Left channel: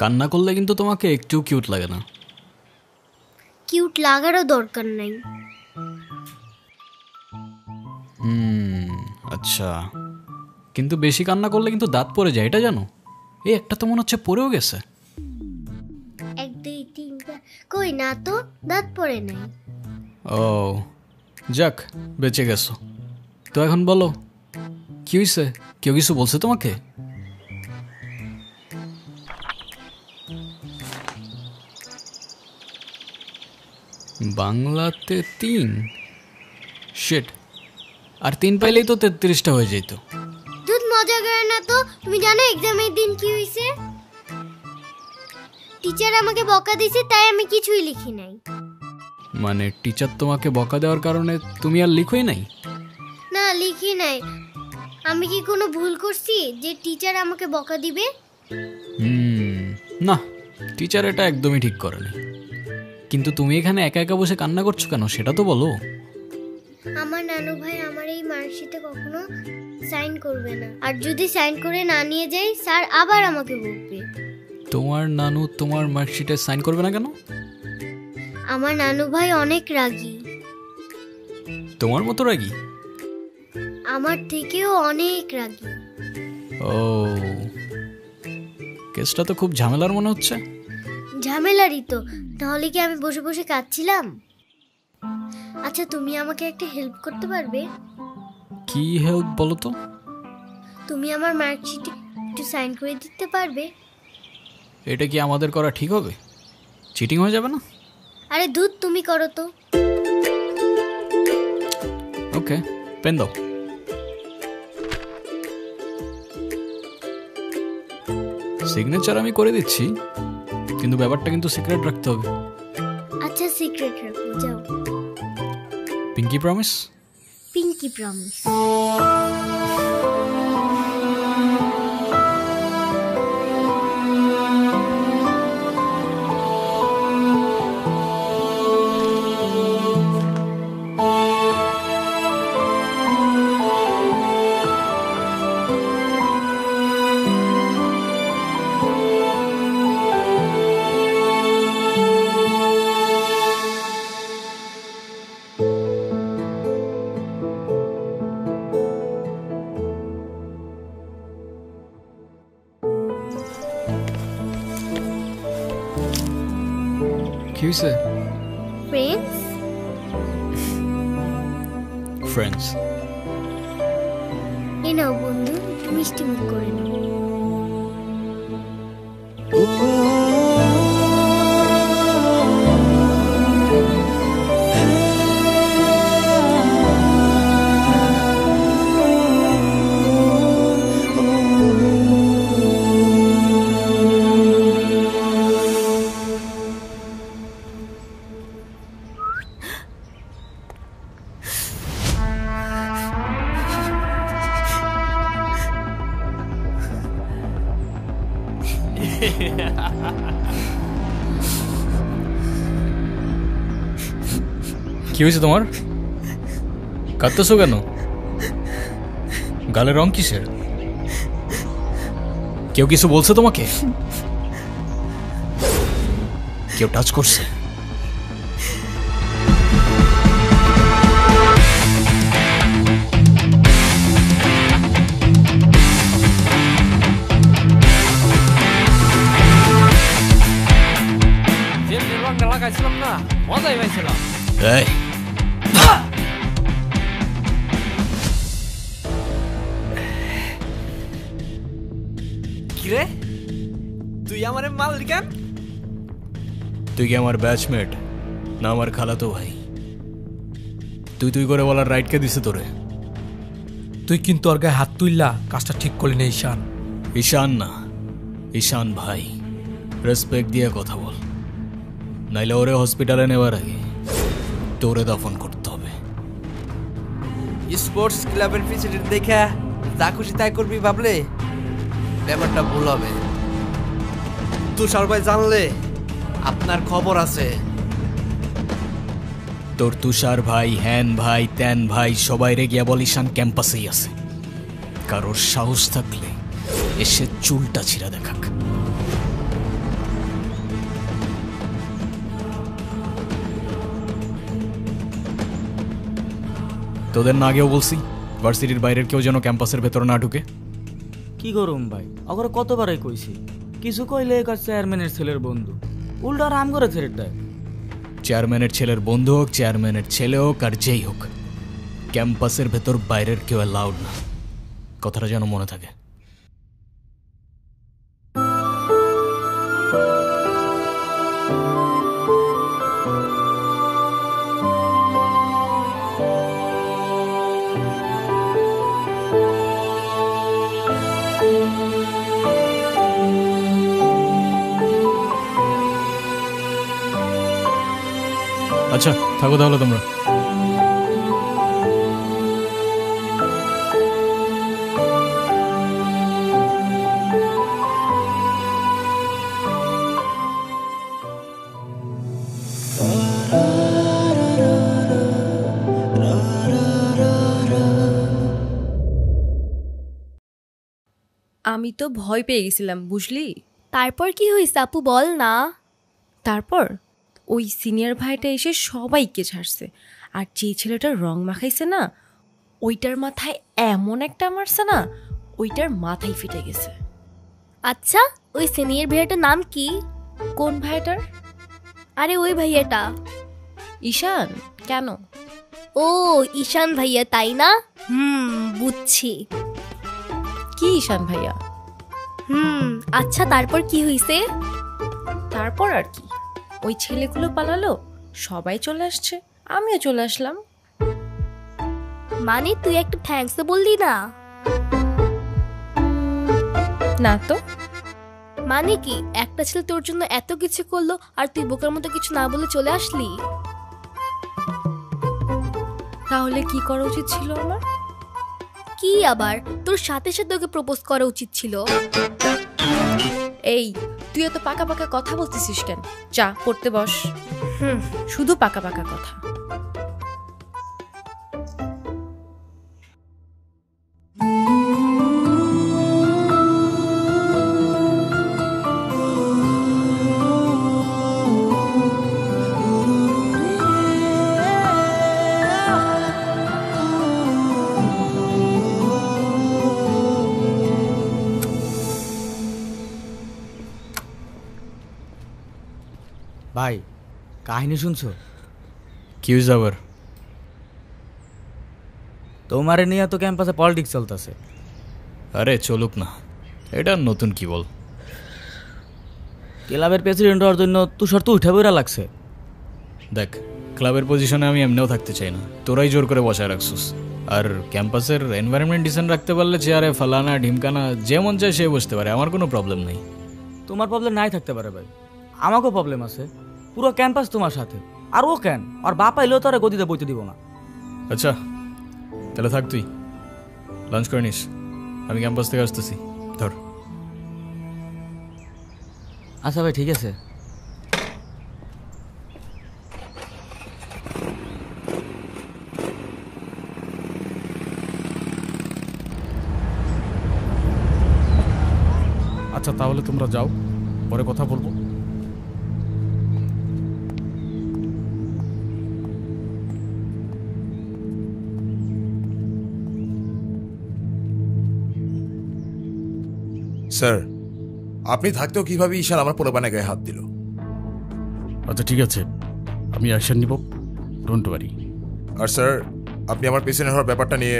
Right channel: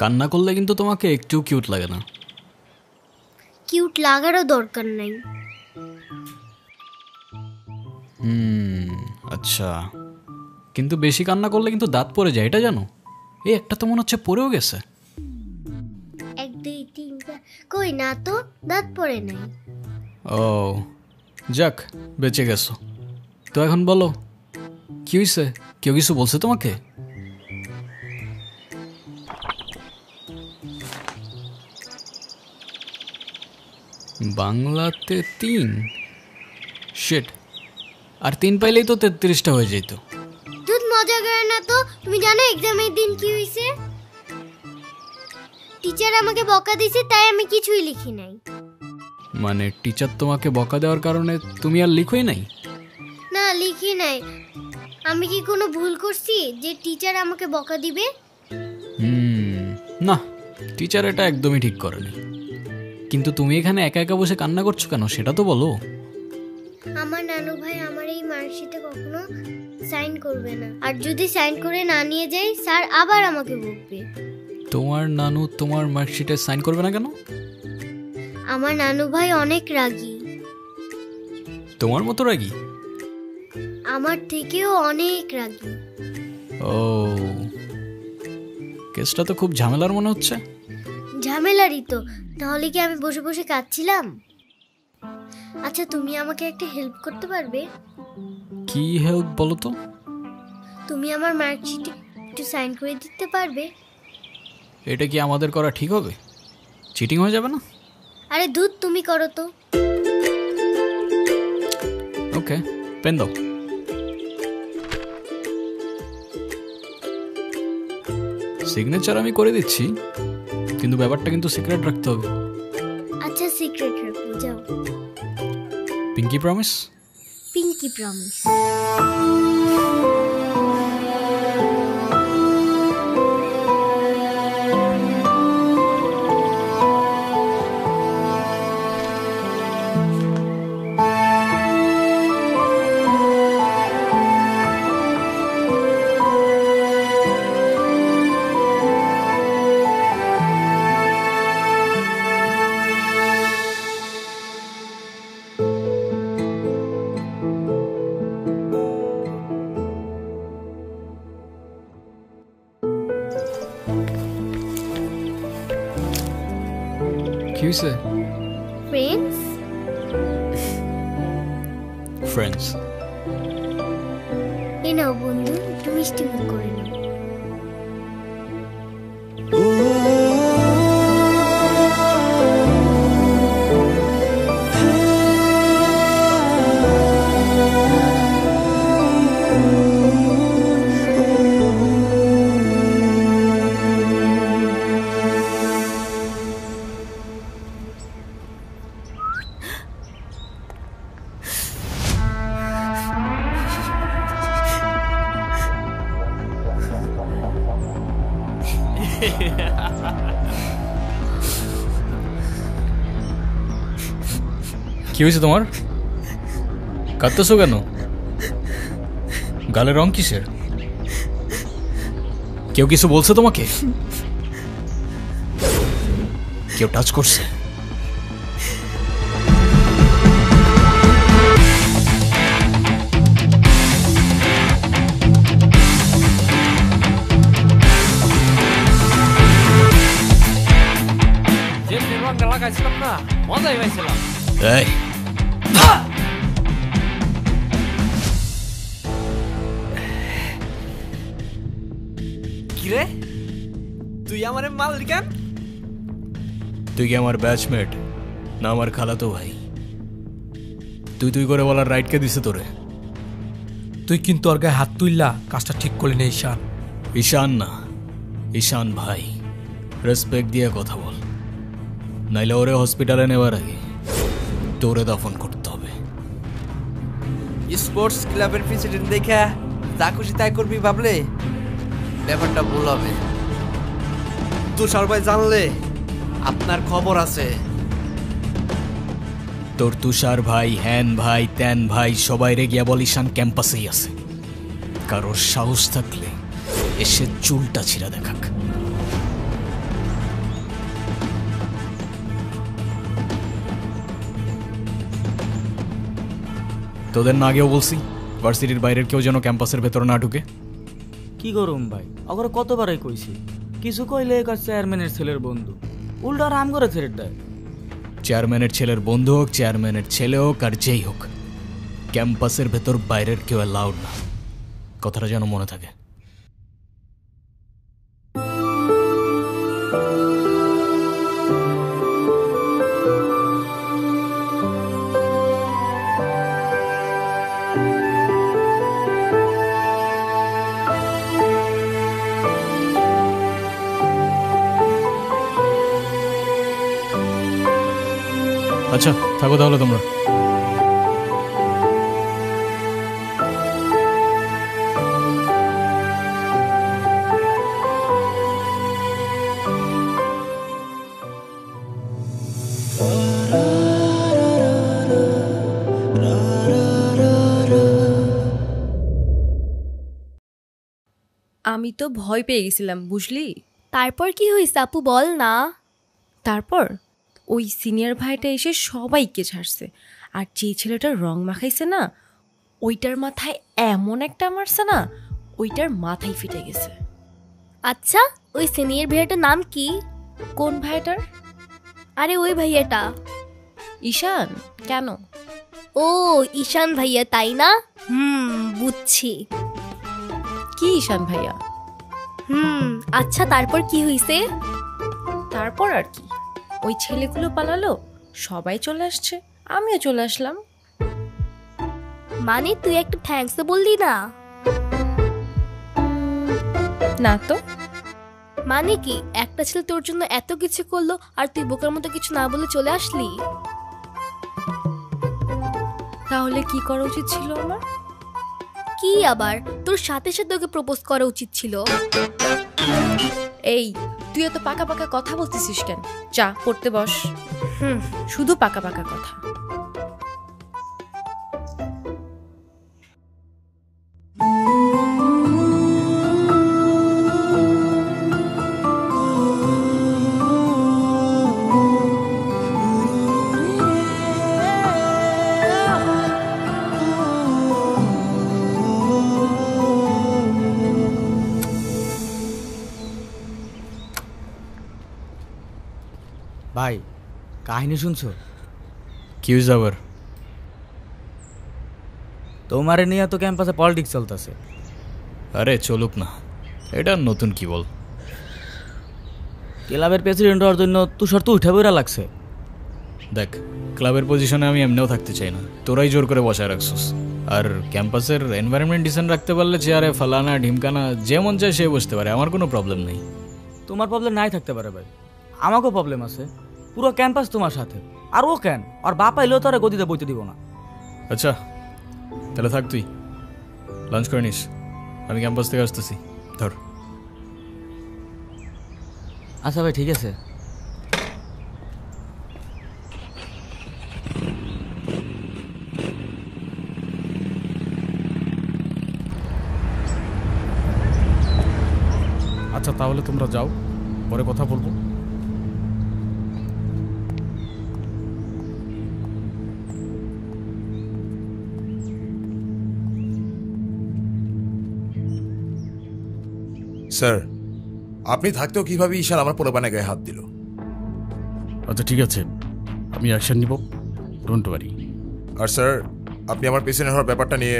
কান্না করলে কিন্তু তোমাকে একটু কিউট লাগে না। কিউট লাগারও দরকার নাই। আচ্ছা, কিন্তু বেশি কান্না করলে কিন্তু দাঁত পড়ে যায়, এটা জানো? এই একটা তো মনে হচ্ছে পড়েও গেছে। 1 2 3 4 কই না তো, দাঁত পড়ে নাই। ও যাক, বেঁচে গেছো। তো এখন বলো কি হয়েছে? কেউ কিছু বলছে তোমাকে? বাংলাতে 3? শিট, আর 3 পাইলেই তো 33টা হয়ে যেত। দুধ মজা করে না তো। তুমি জানো এক্সামের দিন কি হয়েছে? টিচার আমাকে বকা দিয়েছে, তাই আমি কিছুই লিখি নাই। মানে টিচার তোমাকে বকা দেওয়ার কারণে তুমি আর লিখোই নাই? না, লিখি নাই। আমি কি কোনো ভুল করছি যে টিচার আমাকে বকা দিবে? না, টিচার এটা একদমই ঠিক করেনি। কিন্তু তুমি এখানে একা একা বসে কান্না করছো কেন, সেটা তো বলো। আমার নানু ভাই আমার এই মার্কশিটে কখনো সাইন করবে না, আর যদি সাইন করে না নিয়ে যাই স্যার আবার আমাকে বকবে। তোমার নানু তোমার মার্কশিটে সাইন করবে না কেন? আমার নানু ভাই অনেক রাগী। তোমার মতো রাগী? আমার থেকেও অনেক রাগী। ও, কেসটা তো খুব ঝামেলার মনে হচ্ছে। ঝামেলারই তো, তাহলে কি আমি বসে বসে কাঁদছিলাম? আচ্ছা, তুমি আমাকে একটা হেল্প করতে পারবে? কি হেল্প বলো তো? তুমি আমার মার্কশিটে একটু সাইন করে দিতে পারবে? এটা কি আমাদের করা ঠিক হবে? চিটিং হয়ে যাবে না? আরে দুধ, তুমি করো তো। ওকে, পেন দাও। সিগনেচার আমি করে দিচ্ছি, কিন্তু ব্যাপারটা কিন্তু সিক্রেট রাখতে হবে। আচ্ছা, সিক্রেট রাখবো, যাও। Pinky promise? Pinky promise. কি হয়েছে? ফ্রেন্ডস। ফ্রেন্ডস? এই নাও বন্ধু, একটু মিষ্টি মুখ করে নাও। কি হয়েছে তোমার? কাঁদতেছো কেন? গালের রং কিসের? কেউ কিছু বলছে তোমাকে? কেউ টাচ করছে? রংটা লাগাইছিলাম না, মজাই পাইছিলাম। এই কিরে তুই আমারে মারলি কেন? তুই কি আমার ব্যাচমেট না আমার খালাতো ভাই? তুই তুই করে বলার রাইট কে দিছে তোরে? তুই কিন্তু ওর গায়ে হাত তুললা কাজটা ঠিক করলি না ঈশান। ঈশান না, ঈশান ভাই। রেসপেক্ট দিয়ে কথা বল, নাইলে ওরে হসপিটালে নেওয়ার আগে তোরে দফন করতে হবে। স্পোর্টস ক্লাবের প্রেসিডেন্ট দেখা যা খুশি তাই করবি ভাবলে ব্যাপারটা ভুল হবে। তুষার ভাই জানলে আপনার খবর আছে। তোর তুষার ভাই, হ্যান ভাই, ত্যান ভাই সবাই রে গিয়া বল ঈশান ক্যাম্পাসেই আছে। কারোর সাহস থাকলে এসে চুলটা ছিঁড়া দেখাক। তোদের না আগেও বলছি ভার্সিটির বাইরের কেউ যেন ক্যাম্পাসের ভেতর না ঢুকে। কি করুম ভাই, অগরে কতবারই কইছি, কিছু কইলে কাজ চেয়ারম্যানের ছেলের বন্ধু, উল্টা রাম করে ছেড়ে দেয়। চেয়ারম্যানের ছেলের বন্ধু হোক, চেয়ারম্যানের ছেলে হোক, আর যেই হোক, ক্যাম্পাসের ভেতর বাইরের কেউ অ্যালাউড না। কথাটা যেন মনে থাকে। আচ্ছা থাকো তাহলে তোমরা। আমি তো ভয় পেয়ে গেছিলাম বুঝলি। তারপর কি হয়েছে আপু বল না। তারপর ওই সিনিয়র ভাইটা এসে সবাইকে ছাড়ছে, আর যে ছেলেটার রং মাখাইছে না ওইটার মাথায় এমন একটা মারছে না, ওইটার মাথায় ফিটে গেছে। আচ্ছা ওই সিনিয়র ভাইয়াটার নাম কি? কোন ভাইটার? আরে ওই ভাইয়াটা। ঈশান। কেন? ও ঈশান ভাইয়া তাই না? বুঝছি। কি ঈশান ভাইয়া? আচ্ছা তারপর কি হয়েছে? তারপর আর কি, ওই ছেলেগুলো পালালো, সবাই চলে আসছে, আমিও চলে আসলাম। মানে তুই একটা থ্যাঙ্কস বললি না? না তো। মানে কি একটা ছেলে তোর জন্য এত কিছু করলো আর তুই বোকার মতো কিছু না বলে চলে আসলি? তাহলে কি করা উচিত ছিল আমার? কি আবার, তোর সাথে সাথে ওকে প্রপোজ করা উচিত ছিল। এই তুই এত পাকা পাকা কথা বলতেছিস কেন? যা পড়তে বস। শুধু পাকা পাকা কথা। ভাই কাহিনী শুনছো? কি হয়েছে আবার? তোমারে নিয়ে তো ক্যাম্পাসে পলিটিক্স চলতেছে। আরে চলুক না, এটা নতুন কি বল। ক্লাবের প্রেসিডেন্ট হওয়ার জন্য তুষার তো উঠে বইরা লাগছে। দেখ ক্লাবের পজিশনে আমি এমনিও থাকতে চাই না, তোরাই জোর করে বসায় রাখছিস। আর ক্যাম্পাসের এনভায়রনমেন্ট ডিসেন্ট রাখতে পারলে চেয়ারে ফালানা ঢিমকানা যে মন চায় সে বসতে পারে, আমার কোনো প্রবলেম নেই। তোমার প্রবলেম নাই থাকতে পারে ভাই, আমাকেও প্রবলেম আছে। পুরো ক্যাম্পাস তোমার সাথে, আর ও কেন আর বাপ এলেও তো আর গদিতে বইতে দিব না। আচ্ছা তাহলে থাক, তুই লাঞ্চ করে নিস, আমি ক্যাম্পাস থেকে আসতেছি। ধর। আচ্ছা ভাই ঠিক আছে। আচ্ছা তাহলে তোমরা যাও, পরে কথা বলবো। স্যার, আপনি থাকতেও কিভাবে ঈশান আমার পোলাপানে গায়ে হাত দিল? আচ্ছা ঠিক আছে, আমি অ্যাকশন নিব, ডোন্ট ওয়ারি। আর স্যার, আপনি আমার পেছনে হওয়ার ব্যাপারটা নিয়ে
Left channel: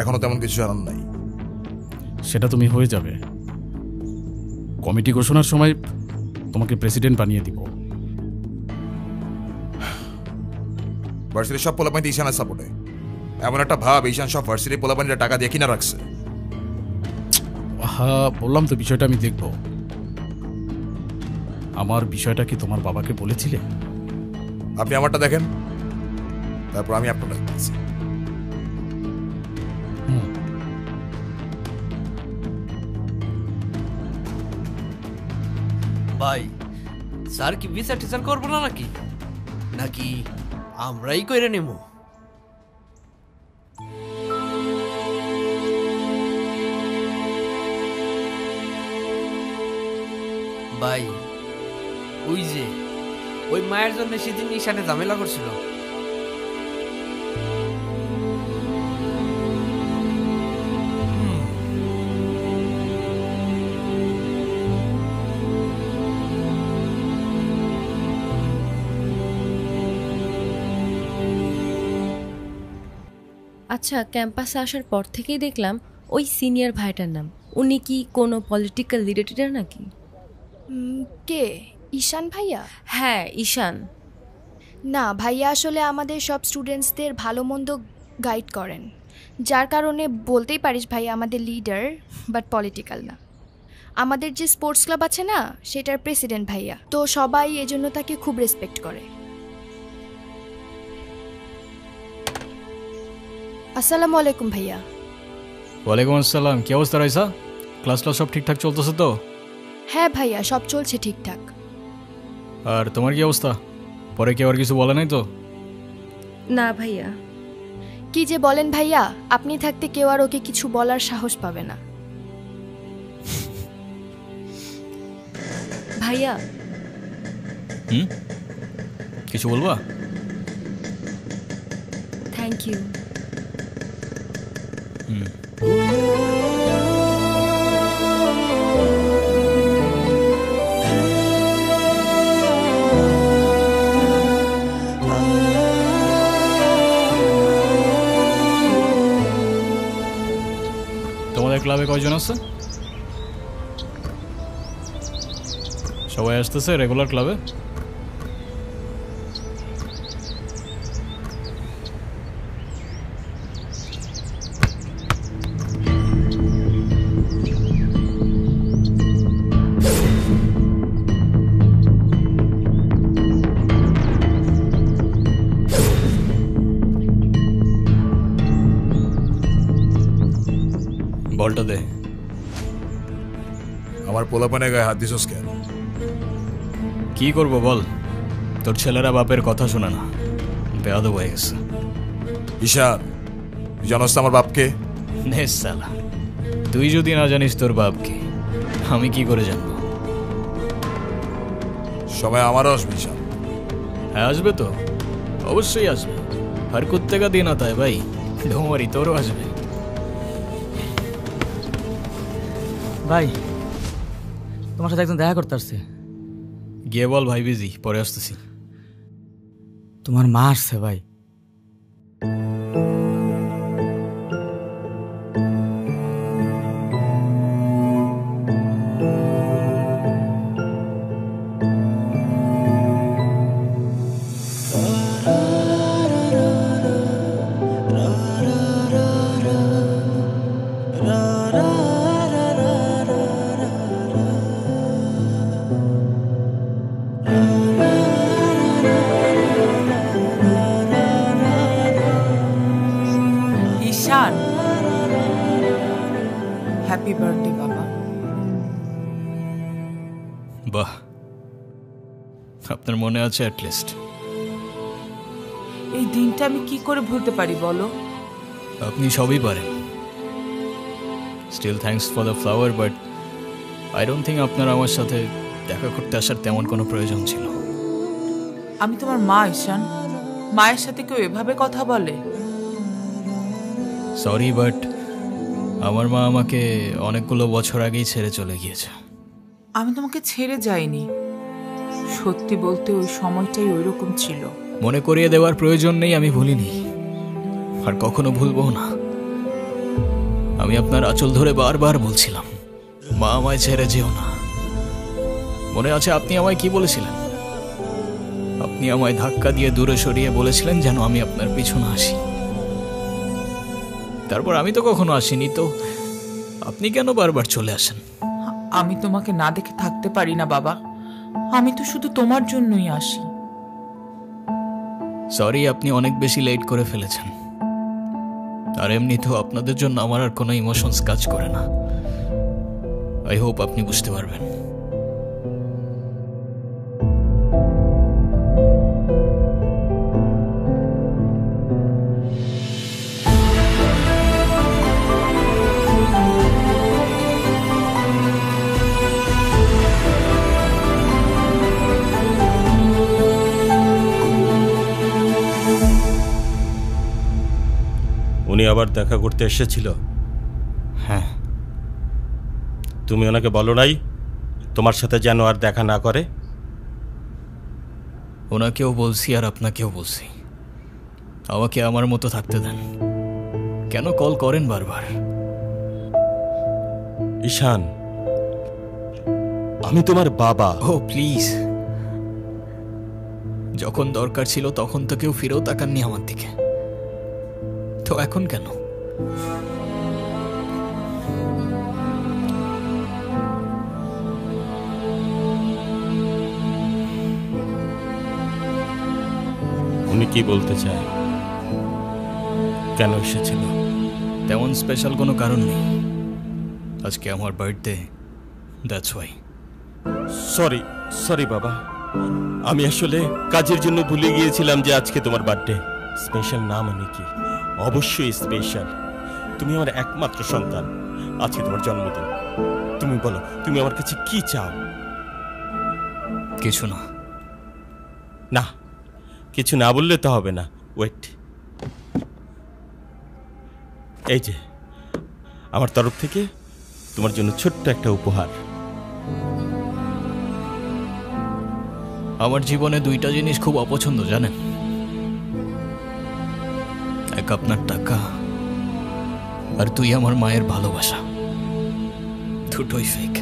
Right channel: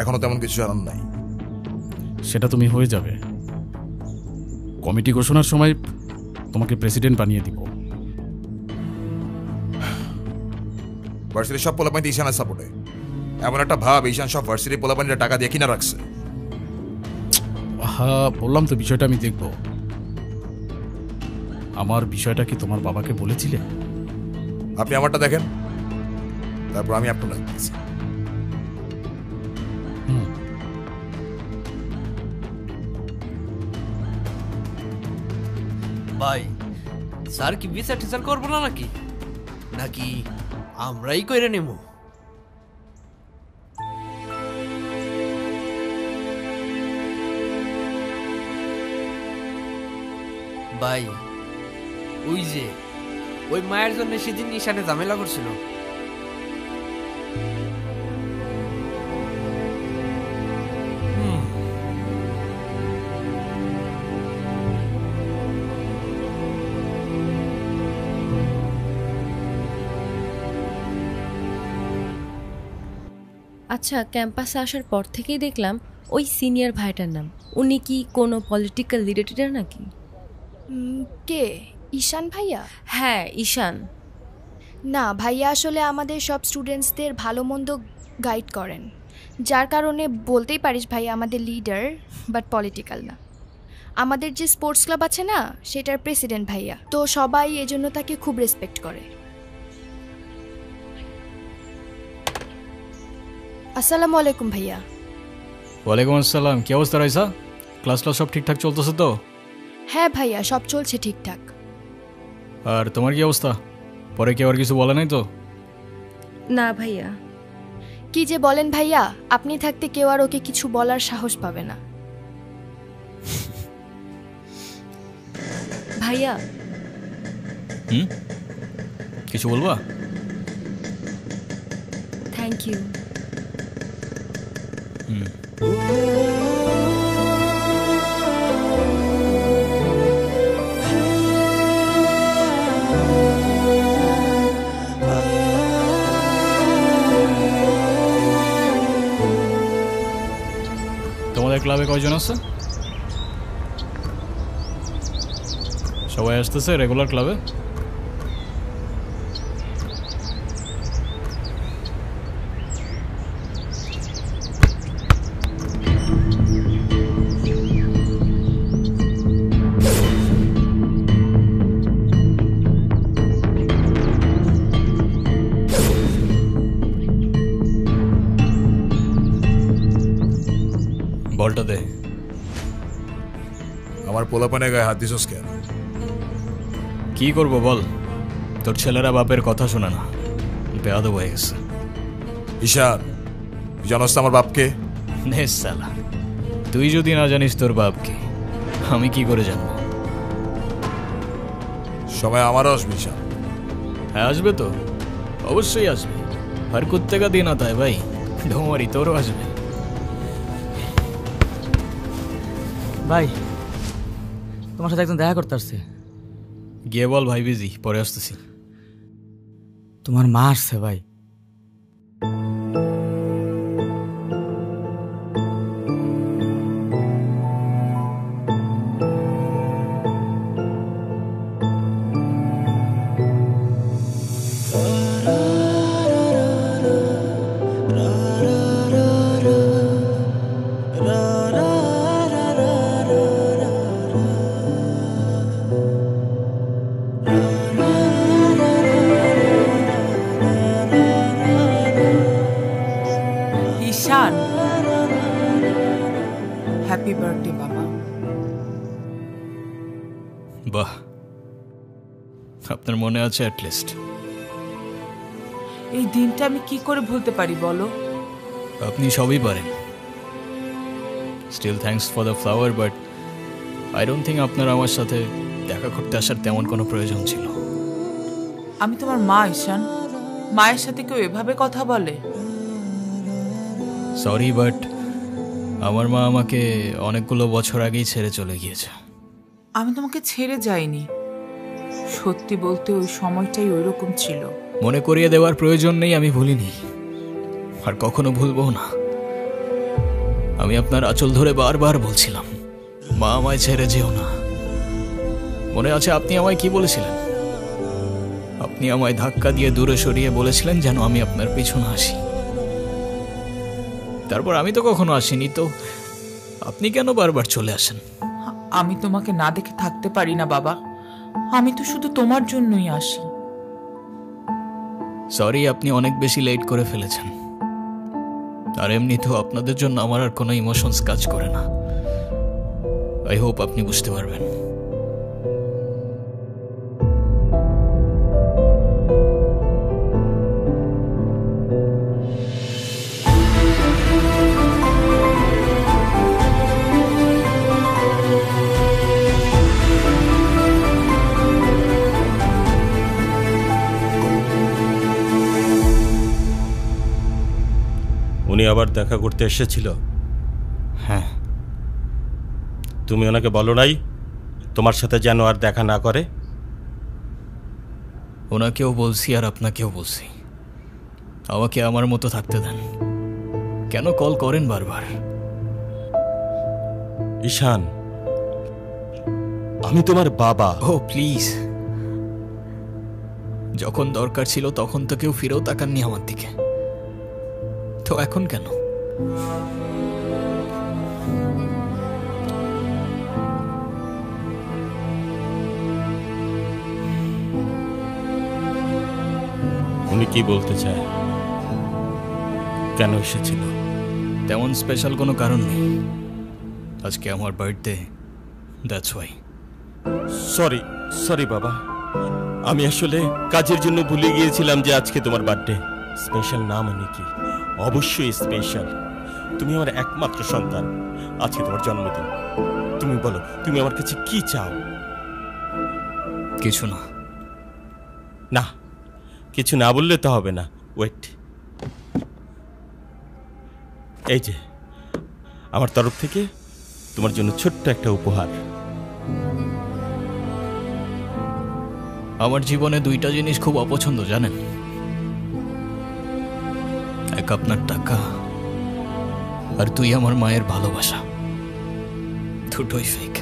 এখনো তেমন কিছু জানান নাই। সেটা তুমি হয়ে যাবে, কমিটি ঘোষণার সময় তোমাকে প্রেসিডেন্ট বানিয়ে দিব। ভার্সিটির সব পোলাপানিতে ঈশানের সাপোর্টে। এমন একটা ভাব ঈশান সব ভার্সিটির পোলাপানিরা টাকা দিয়ে কিনা রাখছে। হ্যাঁ, বললাম তো বিষয়টা আমি দেখব। আমার বিষয়টা কি তোমার বাবাকে বলেছিলে? আপনি আমারটা দেখেন, তারপর আমি আপনারটা দেখতেছি। ভাই স্যার কি বিচার টিচার করবো না নাকি নাকি আমরাই কইরে নেব? ভাই ওই যে ওই মায়ের জন্য সেদিন ঈশানে ঝামেলা করছিল। আচ্ছা, ক্যাম্পাসে আসার পর থেকেই দেখলাম ওই সিনিয়র ভাইটার নাম। উনি কি কোনো পলিটিক্যাল লিডার নাকি? কে? ঈশান ভাইয়া? হ্যাঁ, ঈশান। না, ভাইয়া আসলে আমাদের সব স্টুডেন্টসদের ভালো মন্দ গাইড করেন, যার কারণে বলতেই পারিস ভাইয়া আমাদের লিডার, বাট পলিটিক্যাল না। আমাদের যে স্পোর্টস ক্লাব আছে না, সেটার প্রেসিডেন্ট ভাইয়া, তো সবাই এজন্য তাকে খুব রেসপেক্ট করে। আসসালামু আলাইকুম ভাইয়া। ওয়ালাইকুম আসসালাম। কি অবস্থা রাইসা? ক্লাস সব ঠিকঠাক চলতেছে তো? হ্যাঁ ভাইয়া, সব চলছে ঠিকঠাক। আর তোমার কি অবস্থা? পরে কেউ আর কিছু বলে নাই তো? না ভাইয়া। কি যে বলেন ভাইয়া, আপনি থাকতে কেউ আর ওকে কিছু বলার সাহস পাবে না। ভাইয়া কিছু বলবা? Thank you. তোমাদের ক্লাবে কয়জন আছে? সবাই আসতেছে রেগুলার ক্লাবে? বলটা দে। আমার পোলাপানে গায়ে হাত দিছস কেন? কি করবো বল, তোর ছেলেরা বাপের কথা শোনে না, বেয়াদব হয়ে গেছে। ঈশান, তুই জানোস তো আমার বাপকে? নে শালা, তুই যদি না জানিস তোর বাপকে, আমি কি করে জানবো? সময় আমারও আসবে ঈশান। হ্যাঁ আসবে তো, অবশ্যই আসবে। হর কুত্তে কা দিন আতা হ্যায় ভাই, ঢোমারি তোরও আসবে। ভাই, তোমার সাথে একজন দেখা করতে আসছে। গিয়ে বল ভাই বিজি, পরে আসতেছি। তোমার মা আসছে ভাই। ঈশান, হ্যাপি বার্থডে বাবা। বাহ, আপনার মনে আছে অ্যাটলিস্ট। এই দিনটা আমি কি করে ভুলতে পারি বলো? আপনি সবই পারেন। Still thanks for the flower, but I don't think আপনার আমার সাথে দেখা করতে আসার তেমন কোনো প্রয়োজন ছিল। আমি তোমার মা ঈশান, মায়ের সাথে কেউ এভাবে কথা বলে? সরি, বাট আমার মা আমাকে অনেকগুলো বছর আগেই ছেড়ে চলে গিয়েছে। আমি তোমাকে ছেড়ে যাইনি, সত্যি বলতে ওই সময়টাই ওইরকম ছিল। মনে করিয়ে দেওয়ার প্রয়োজন নেই, আমি ভুলিনি আর কখনো ভুলবো না। আমি আপনার আঁচল ধরে বারবার বলছিলাম, মা আমায় ছেড়ে যেও না, মনে আছে আপনি আমায় কি বলেছিলেন? আপনি আমায় ধাক্কা দিয়ে দূরে সরিয়ে বলেছিলেন যেন আমি আপনার পিছনে আসি। তারপর আমি তো কখনো আসিনি, তো আপনি কেন বারবার চলে আসেন? আমি তোমাকে না দেখে থাকতে পারি না বাবা, আমি তো শুধু তোমার জন্যই আসি। সরি, আপনি অনেক বেশি লেট করে ফেলেছেন। আর এমনিতেও আপনাদের জন্য আমার আর কোনো ইমোশনস কাজ করে না। আই হোপ আপনি বুঝতে পারবেন। উনি আবার দেখা করতে এসেছিল? হ্যাঁ। তুমি ওনাকে বলো নাই তোমার সাথে যেন আর দেখা না করে? ওনাকেও বলছি আর আপনাকেও বলছি, আমাকে আমার মতো থাকতে দেন। কেন কল করেন বারবার? ঈশান, আমি তোমার বাবা। ও প্লিজ, যখন দরকার ছিল তখন তো কেউ ফিরেও তাকাননি আমার দিকে, তো এখন কেন? উনি কি বলতে চায়? কেন এসেছিল? তেমন স্পেশাল কোনো কারণ নেই, আজকে আমার birthday, that's why. Sorry sorry বাবা, আমি আসলে কাজের জন্য ভুলে গিয়েছিলাম যে আজকে তোমার বার্থডে। স্পেশাল না মানে কি? অবশ্যই স্পেশাল। তুমি আমার একমাত্র সন্তান, আজকে তোমার জন্মদিন। তুমি বলো, তুমি আমার কাছে কি চাও? কিছু না। না, কিছু না বললে তো হবে না। ওয়েট, এই যে আমার তরফ থেকে তোমার জন্য ছোট্ট একটা উপহার। আমার জীবনে দুইটা জিনিস খুব অপছন্দ জানেন, এক আপনার টাকা আর তুই আমার মায়ের ভালোবাসা, দুটোই ফেক।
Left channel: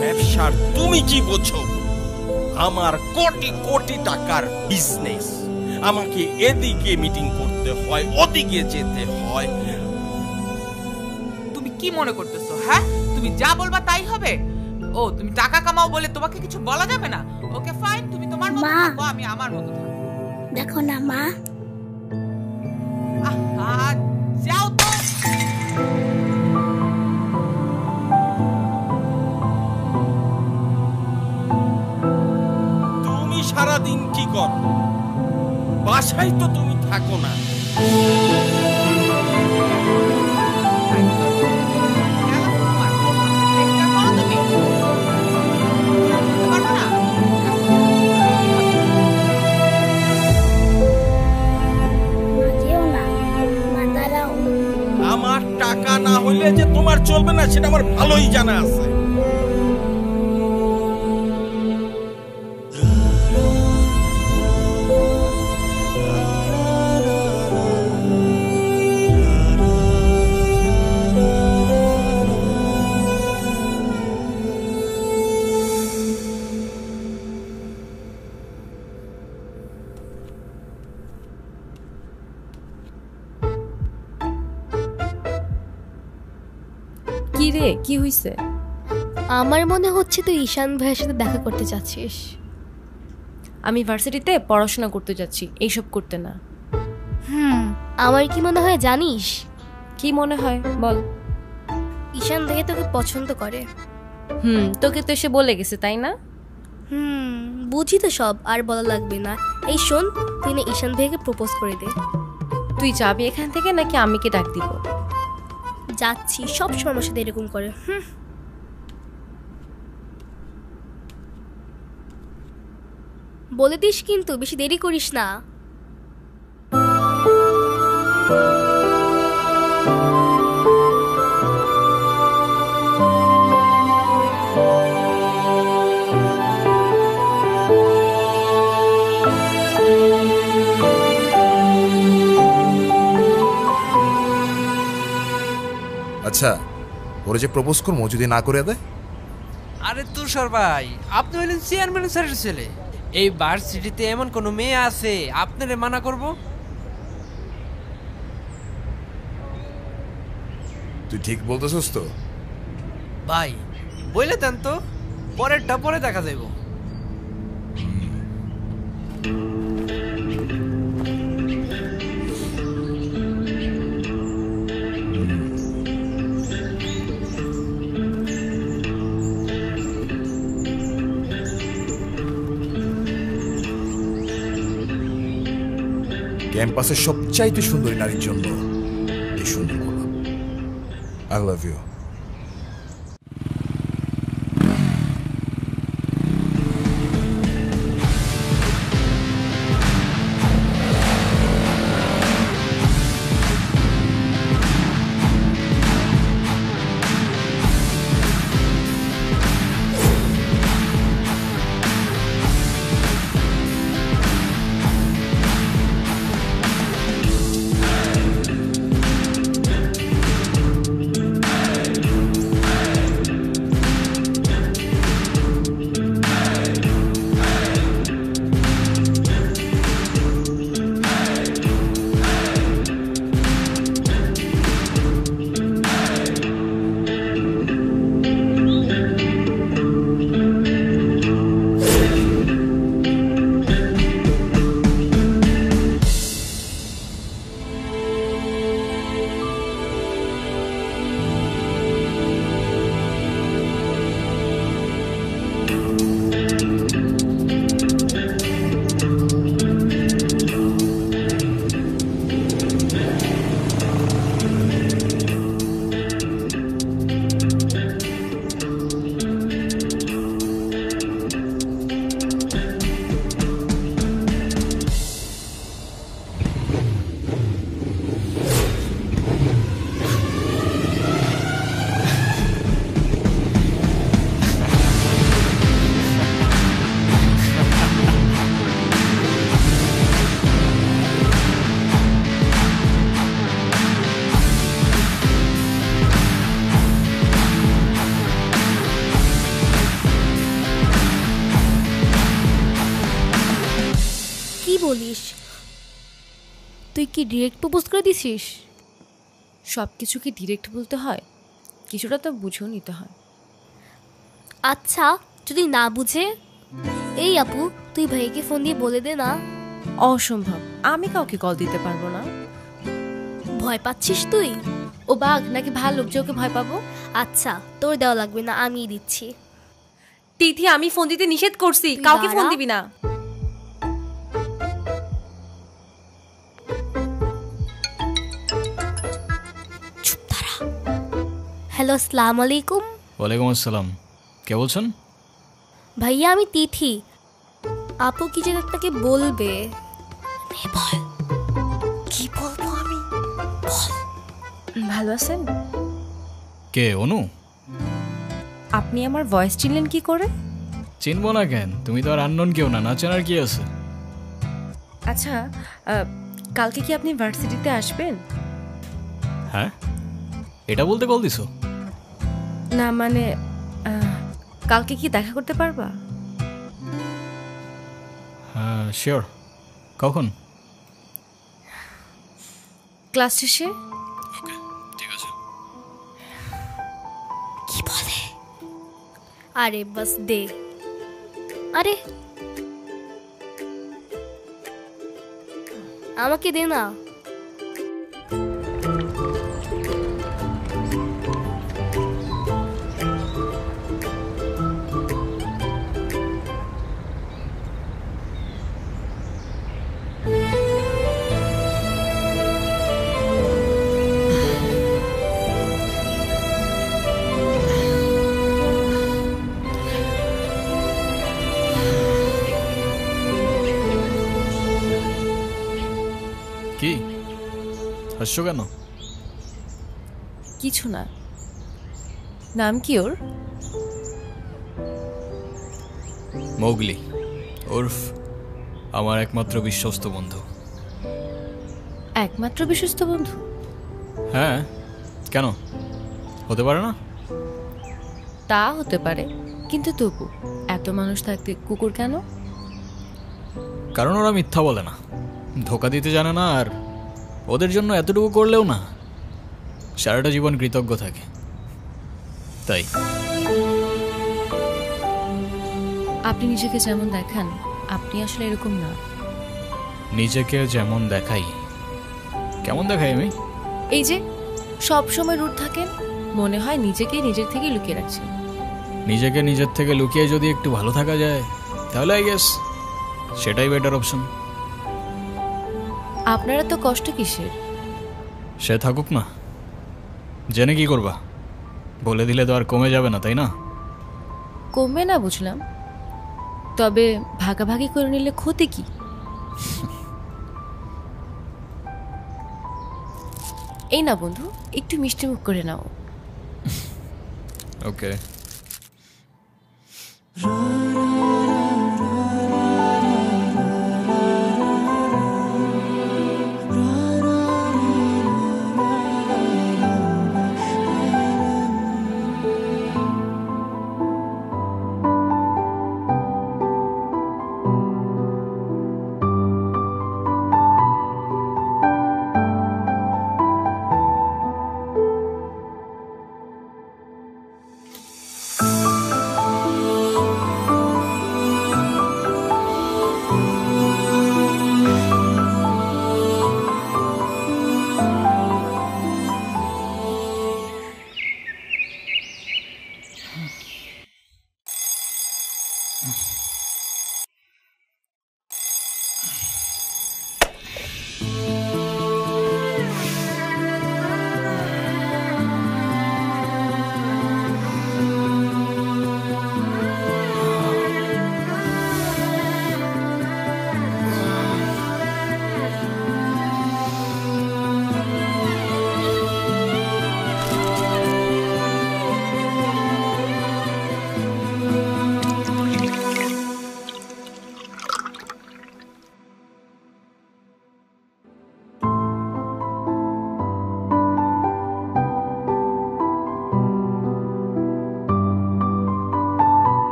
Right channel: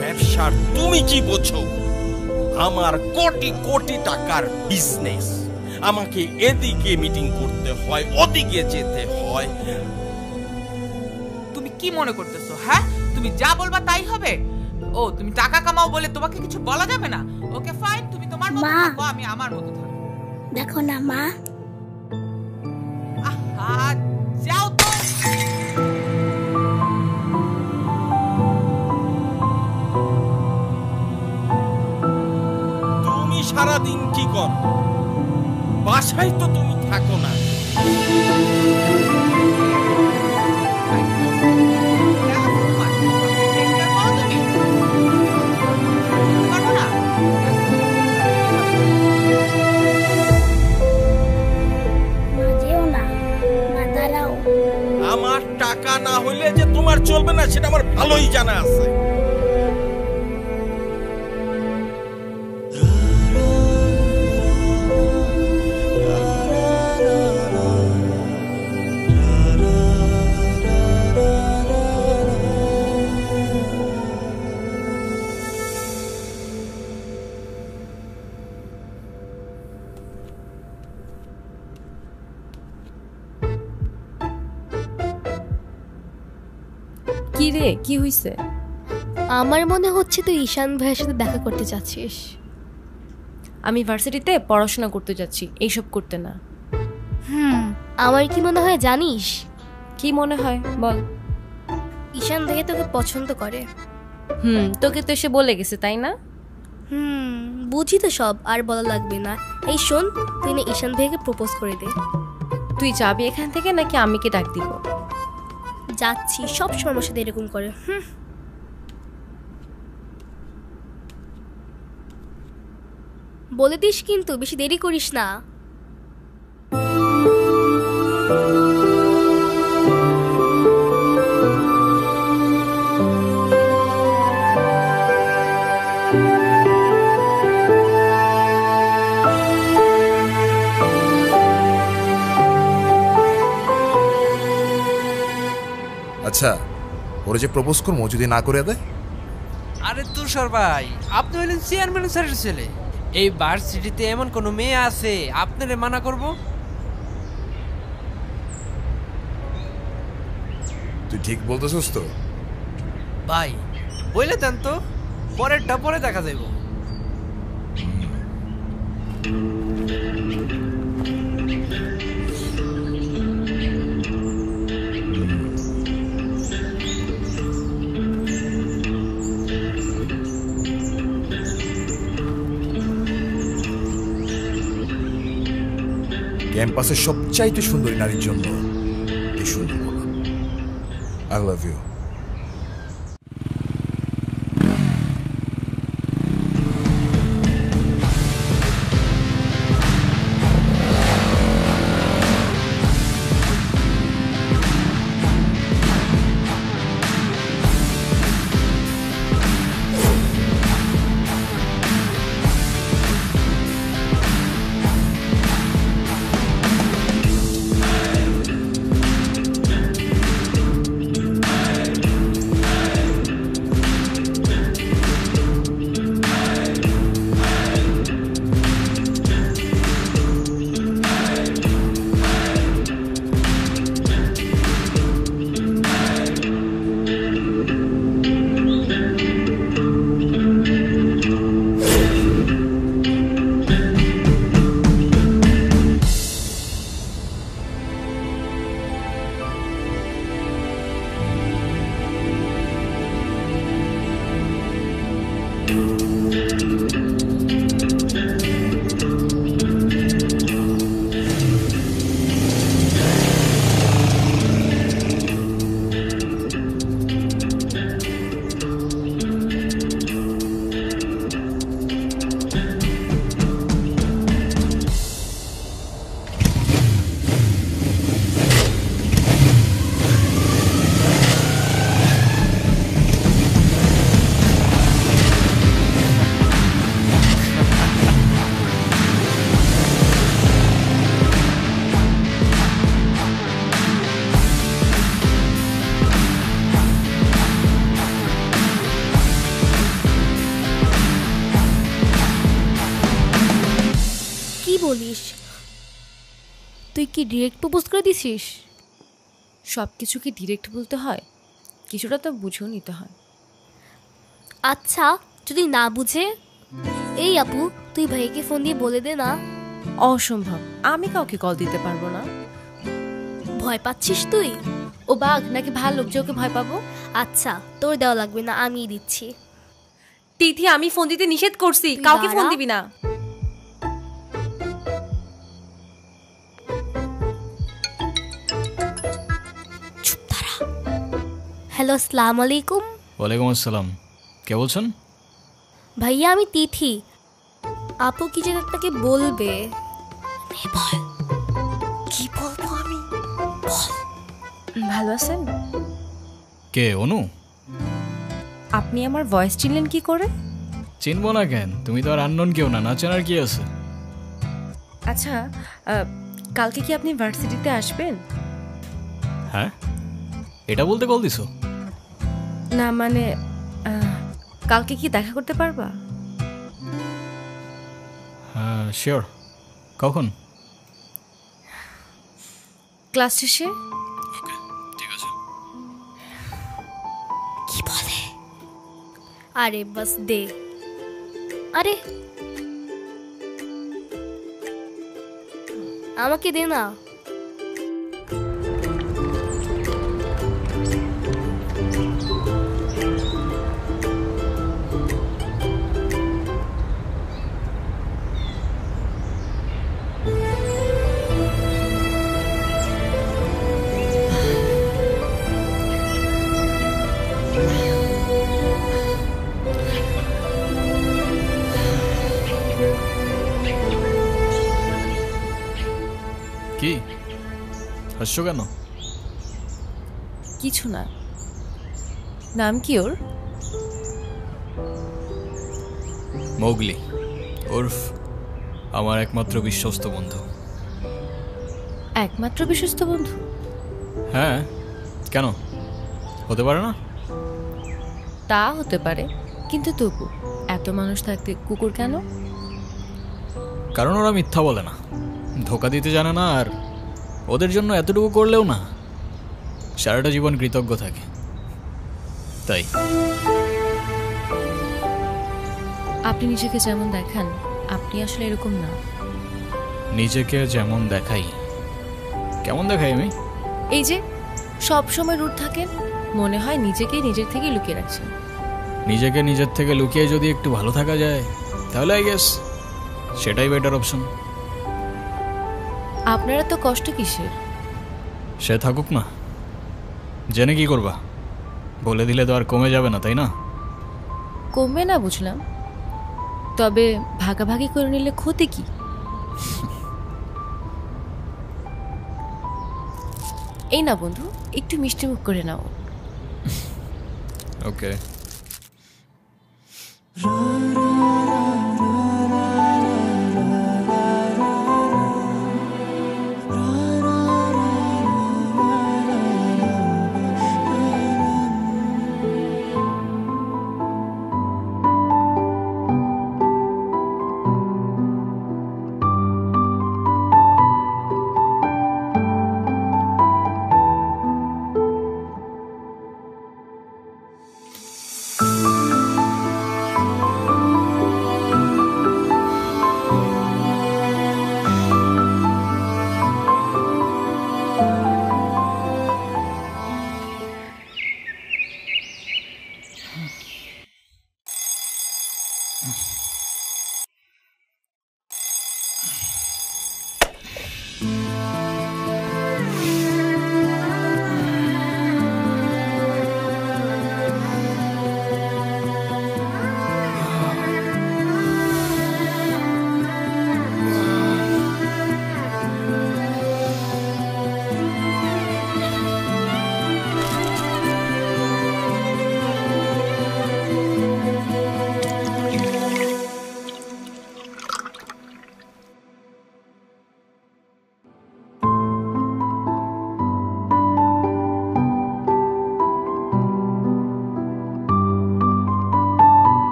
ব্যবসার তুমি কি বোঝো? আমার কোটি কোটি টাকার বিজনেস, আমাকে এদিকে মিটিং করতে হয়, ওদিকে যেতে হয়। তুমি কি মনে করতেছো? হ্যাঁ, তুমি যা বলবা তাই হবে? ও, তুমি টাকা কামাও বলে তোমাকে কিছু বলা যাবে না? ওকে ফাইন, তুমি তোমার মতো থাকো, আমি আমার মতো থাকবো। দেখো না মা, আহা, যাও তো। তুমি সারাদিন কি করো? বাসায় তো তুমি থাকো না। আমার টাকা না হইলে যে তোমার চলবে না সেটা আমার ভালোই জানা আছে। কি রে, কি হইছে? আমার মনে হচ্ছে তুই ঈশান ভাইয়ের সাথে দেখা করতে চাচ্ছিস। আমি ভার্সিটিতে পড়াশোনা করতে যাচ্ছি, এইসব করতে না। আমার কি মনে হয় জানিস? কি মনে হয় বল। ঈশান ভাইয়া তোকে পছন্দ করে। তোকে তো এসে বলে গেছে তাই না? বুঝি তো সব, আর বলা লাগবে না। এই শোন, তুই না ঈশান ভাইয়াকে প্রপোজ করে দে। তুই যাবি এখান থেকে নাকি আমি কি ডাক দিব? যাচ্ছি, সব সময় আমার সাথে এরকম করে। বলে দিস কিন্তু, বেশি দেরি করিস না। আচ্ছা, ওরে যে প্রপোজ করবো যদি না করে দেয়? আরে তুষার ভাই, আপনি হলেন চেয়ারম্যান স্যারের ছেলে। এই ভার্সিটিতে এমন কোন মেয়ে আছে আপনারে মানা করব? তুই ঠিক বলতেছস তো? ভাই বইলে দেন তো, পরেরটা পরে দেখা যাইব। ক্যাম্পাসের সবচাইতে সুন্দরী নারীর জন্য এই সুন্দর গোলাপ। I love you. বলিস? তুই কি ডিরেক্ট প্রপোজ করে দিছিস? সব কিছু কি ডিরেক্ট বলতে হয়? কিছুটা তো বুঝেও নিতে হয়। আচ্ছা, যদি না বুঝে? এই আপু, তুই ভাইকে ফোন দিয়ে বলে দে না। অসম্ভব, আমি কাউকে কল দিতে পারবো না। ভয় পাচ্ছিস তুই? ও বাঘ নাকি ভাল্লুক যে ওকে ভয় পাবো? আচ্ছা, তোর দেওয়া লাগবে না, আমি দিচ্ছি। তিথি, আমি ফোন দিতে নিষেধ করছি, কাউকে ফোন দিবি না। হ্যালো, আসসালামু আলাইকুম। ওয়ালাইকুম আসসালাম। কে বলছেন? ভাইয়া, আমি তিথি। আপু কি যেন আপনাকে বলবে। কি বলবো আমি? ভালো আছেন? কে? অনু? আপনি আমার ভয়েস চিনলেন কি করে? চিনবো না কেন? তুমি তো আর আননোন কেউ না, না চেনার কি আছে? আচ্ছা, কালকে কি আপনি ভার্সিটিতে আসবেন? হ্যাঁ, এটা বলতে কল দিছো? না মানে, কালকে কি দেখা করতে পারবা? হ্যাঁ শিওর। কখন? ক্লাস শেষে। ওকে, ঠিক আছে। কি বলে? আরে বাস দে। আরে আমাকে দে না। হাসছো কেন? কিছু না। নাম কি ওর? মৌগলি, ওরফ আমার একমাত্র বিশ্বস্ত বন্ধু। একমাত্র বিশ্বস্ত বন্ধু? হ্যাঁ, কেন হতে পারে না? তা হতে পারে, কিন্তু তবু এত মানুষ থাকতে কুকুর কেন? কারণ ওরা মিথ্যা বলে না, ধোকা দিতে জানে না, আর ওদের জন্য এতটুকু করলেও না সারাটা জীবন কৃতজ্ঞ থাকে, তাই। আপনি নিজেকে যেমন দেখান, আপনি আসলে এরকম না। নিজেকে যেমন দেখাই? কেমন দেখাই আমি? এই যে সব সময় রুট থাকেন, মনে হয় নিজেকে নিজের থেকে লুকিয়ে রাখছেন। নিজেকে নিজের থেকে লুকিয়ে যদি একটু ভালো থাকা যায় তাহলে আই গেস সেটাই বেটার অপশন। আপনারা তো কষ্ট কিসের? সে থাকুক না, জেনে কি করবা? বলে দিলে তো আর কমে যাবে না, তাই না? কমবে না বুঝলাম, তবে ভাগাভাগি করে নিলে ক্ষতি কি? এই না বন্ধু, একটু মিষ্টি মুখ করে নাও। ওকে।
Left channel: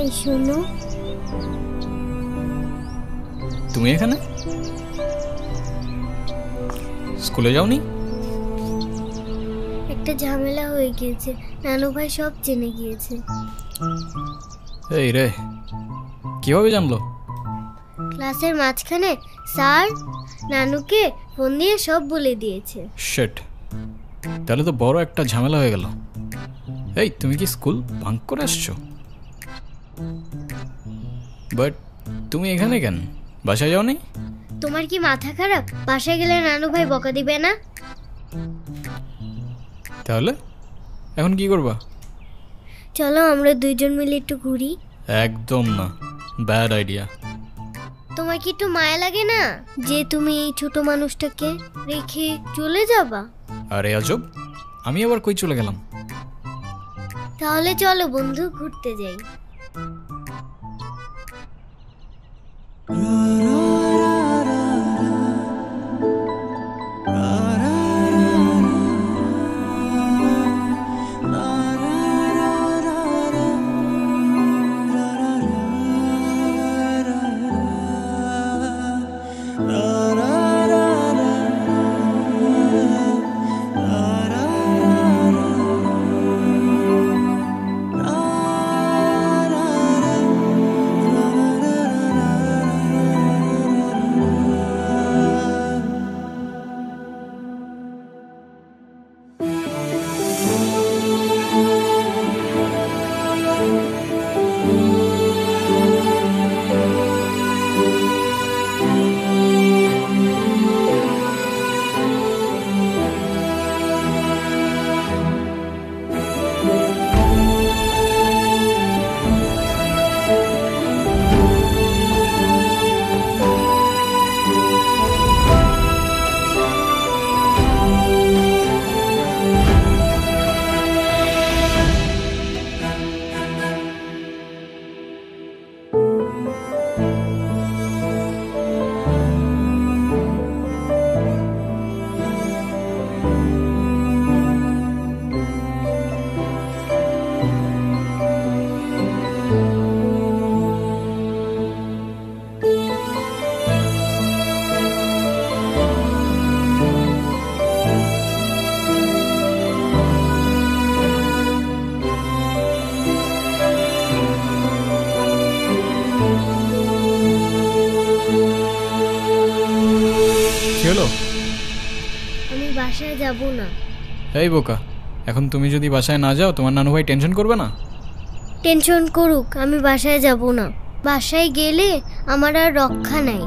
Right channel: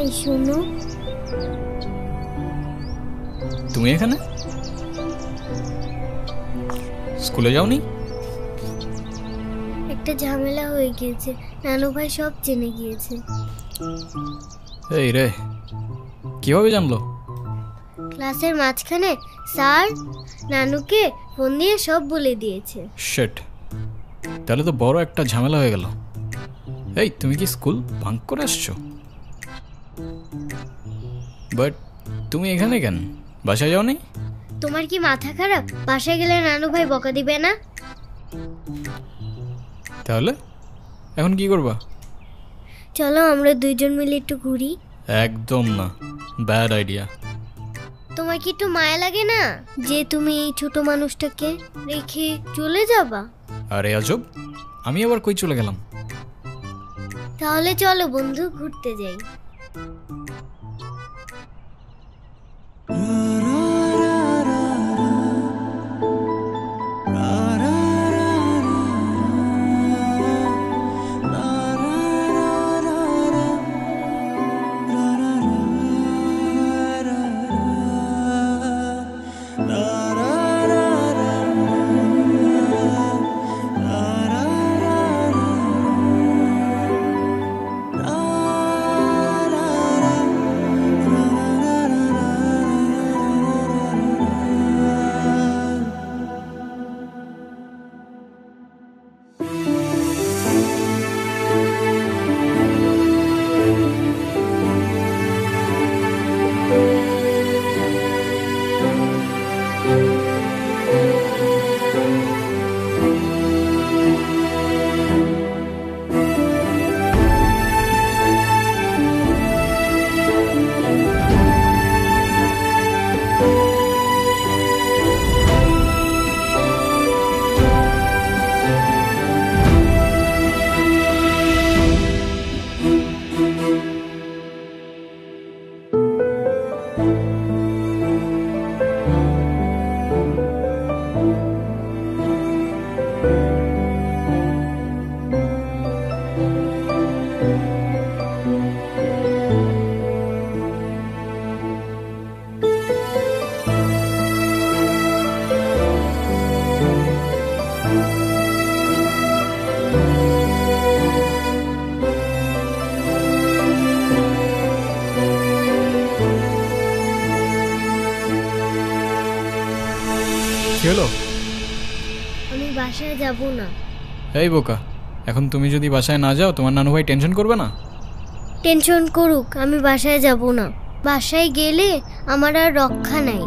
এই শোনো, তুমি এখানে? স্কুলে যাওনি? একটা ঝামেলা হয়ে গিয়েছে, নানু ভাই সব জেনে গিয়েছে। এই রে, কিভাবে জানলো? ক্লাসের মাঝখানে স্যার নানুকে ফোন দিয়ে সব বলে দিয়েছে। শিট, তাহলে তো বড় একটা ঝামেলা হয়ে গেল। এই, তুমি কি স্কুল বাঙ্ক করে আসছো? বাট তুমি এখানে কেন? বাসায় যাওনি? তোমার কি মাথা খারাপ? বাসায় গেলে নানু ভাই বকা দিবে না? তাহলে এখন কি করবা? চলো আমরা দুইজন মিলে একটু ঘুরি। একদম না, ব্যাড আইডিয়া। তোমার কি একটু মায়া লাগে না যে তুমি এই ছোট মানুষটাকে রেখে চলে যাবা? আরে আজব, আমি আবার কই চলে গেলাম? তাহলে চলো বন্ধু, ঘুরতে যাই। হলো? আমি বাসায় যাব না। এই বোকা, এখন তুমি যদি বাসায় না যাও তোমার নানু ভাই টেনশন করবে না? টেনশন করুক, আমি বাসায় যাব না। বাসায় গেলে আমার আর রক্ষা নাই।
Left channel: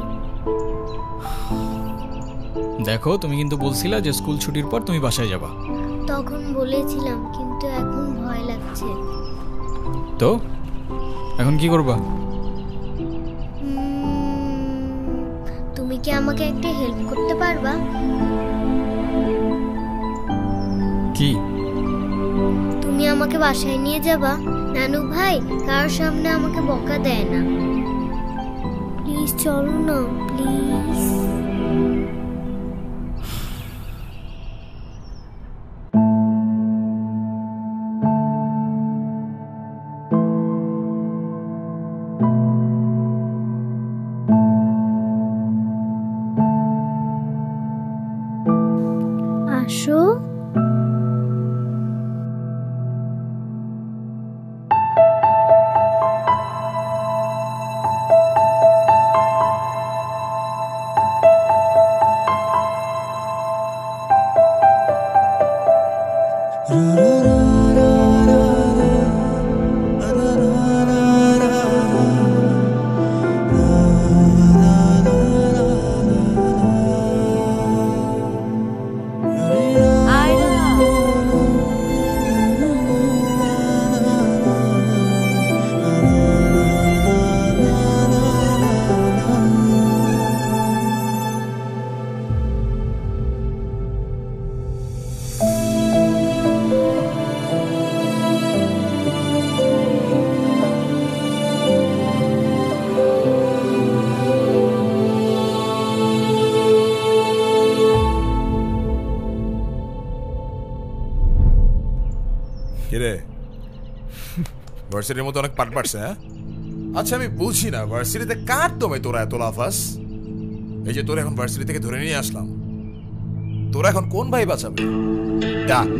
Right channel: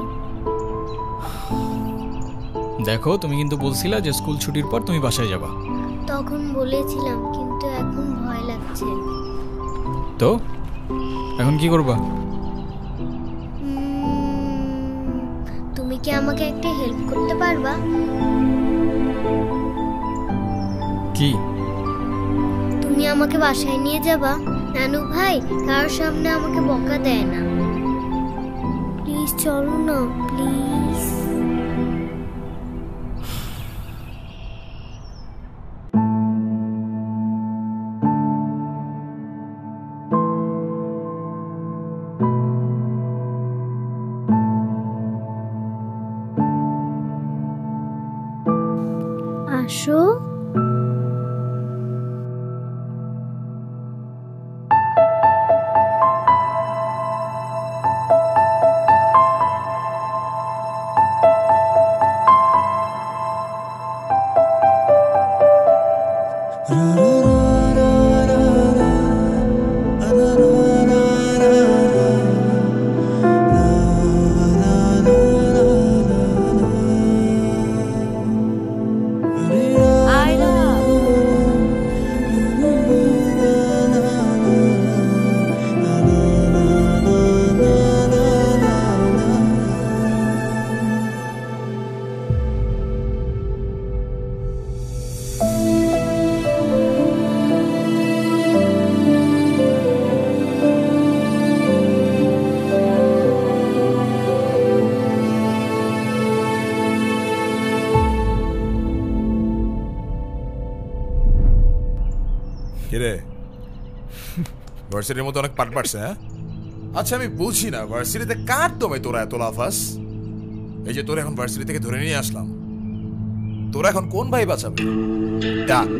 দেখো, তুমি কিন্তু বলছিলা যে স্কুল ছুটির পর তুমি বাসায় যাবা। তখন বলেছিলাম, কিন্তু এখন ভয় লাগছে। তো এখন কি করবা? তুমি কি আমাকে একটা হেল্প করতে পারবা? কি? তুমি আমাকে বাসায় নিয়ে যাবা? নানু ভাই কার সামনে আমাকে বকা দেয় না। প্লিজ চলো না, প্লিজ। আসো। কিরে, ভার্সিটির মতো অনেক পাট পাটছে? হ্যাঁ, আচ্ছা আমি বুঝি না ভার্সিটিতে কার দমে তোরা এত লাফাস? এই যে তোরা এখন ভার্সিটি থেকে ধরে নিয়ে আসলাম, তোরা এখন কোন ভাই বাঁচাবে? ডাক।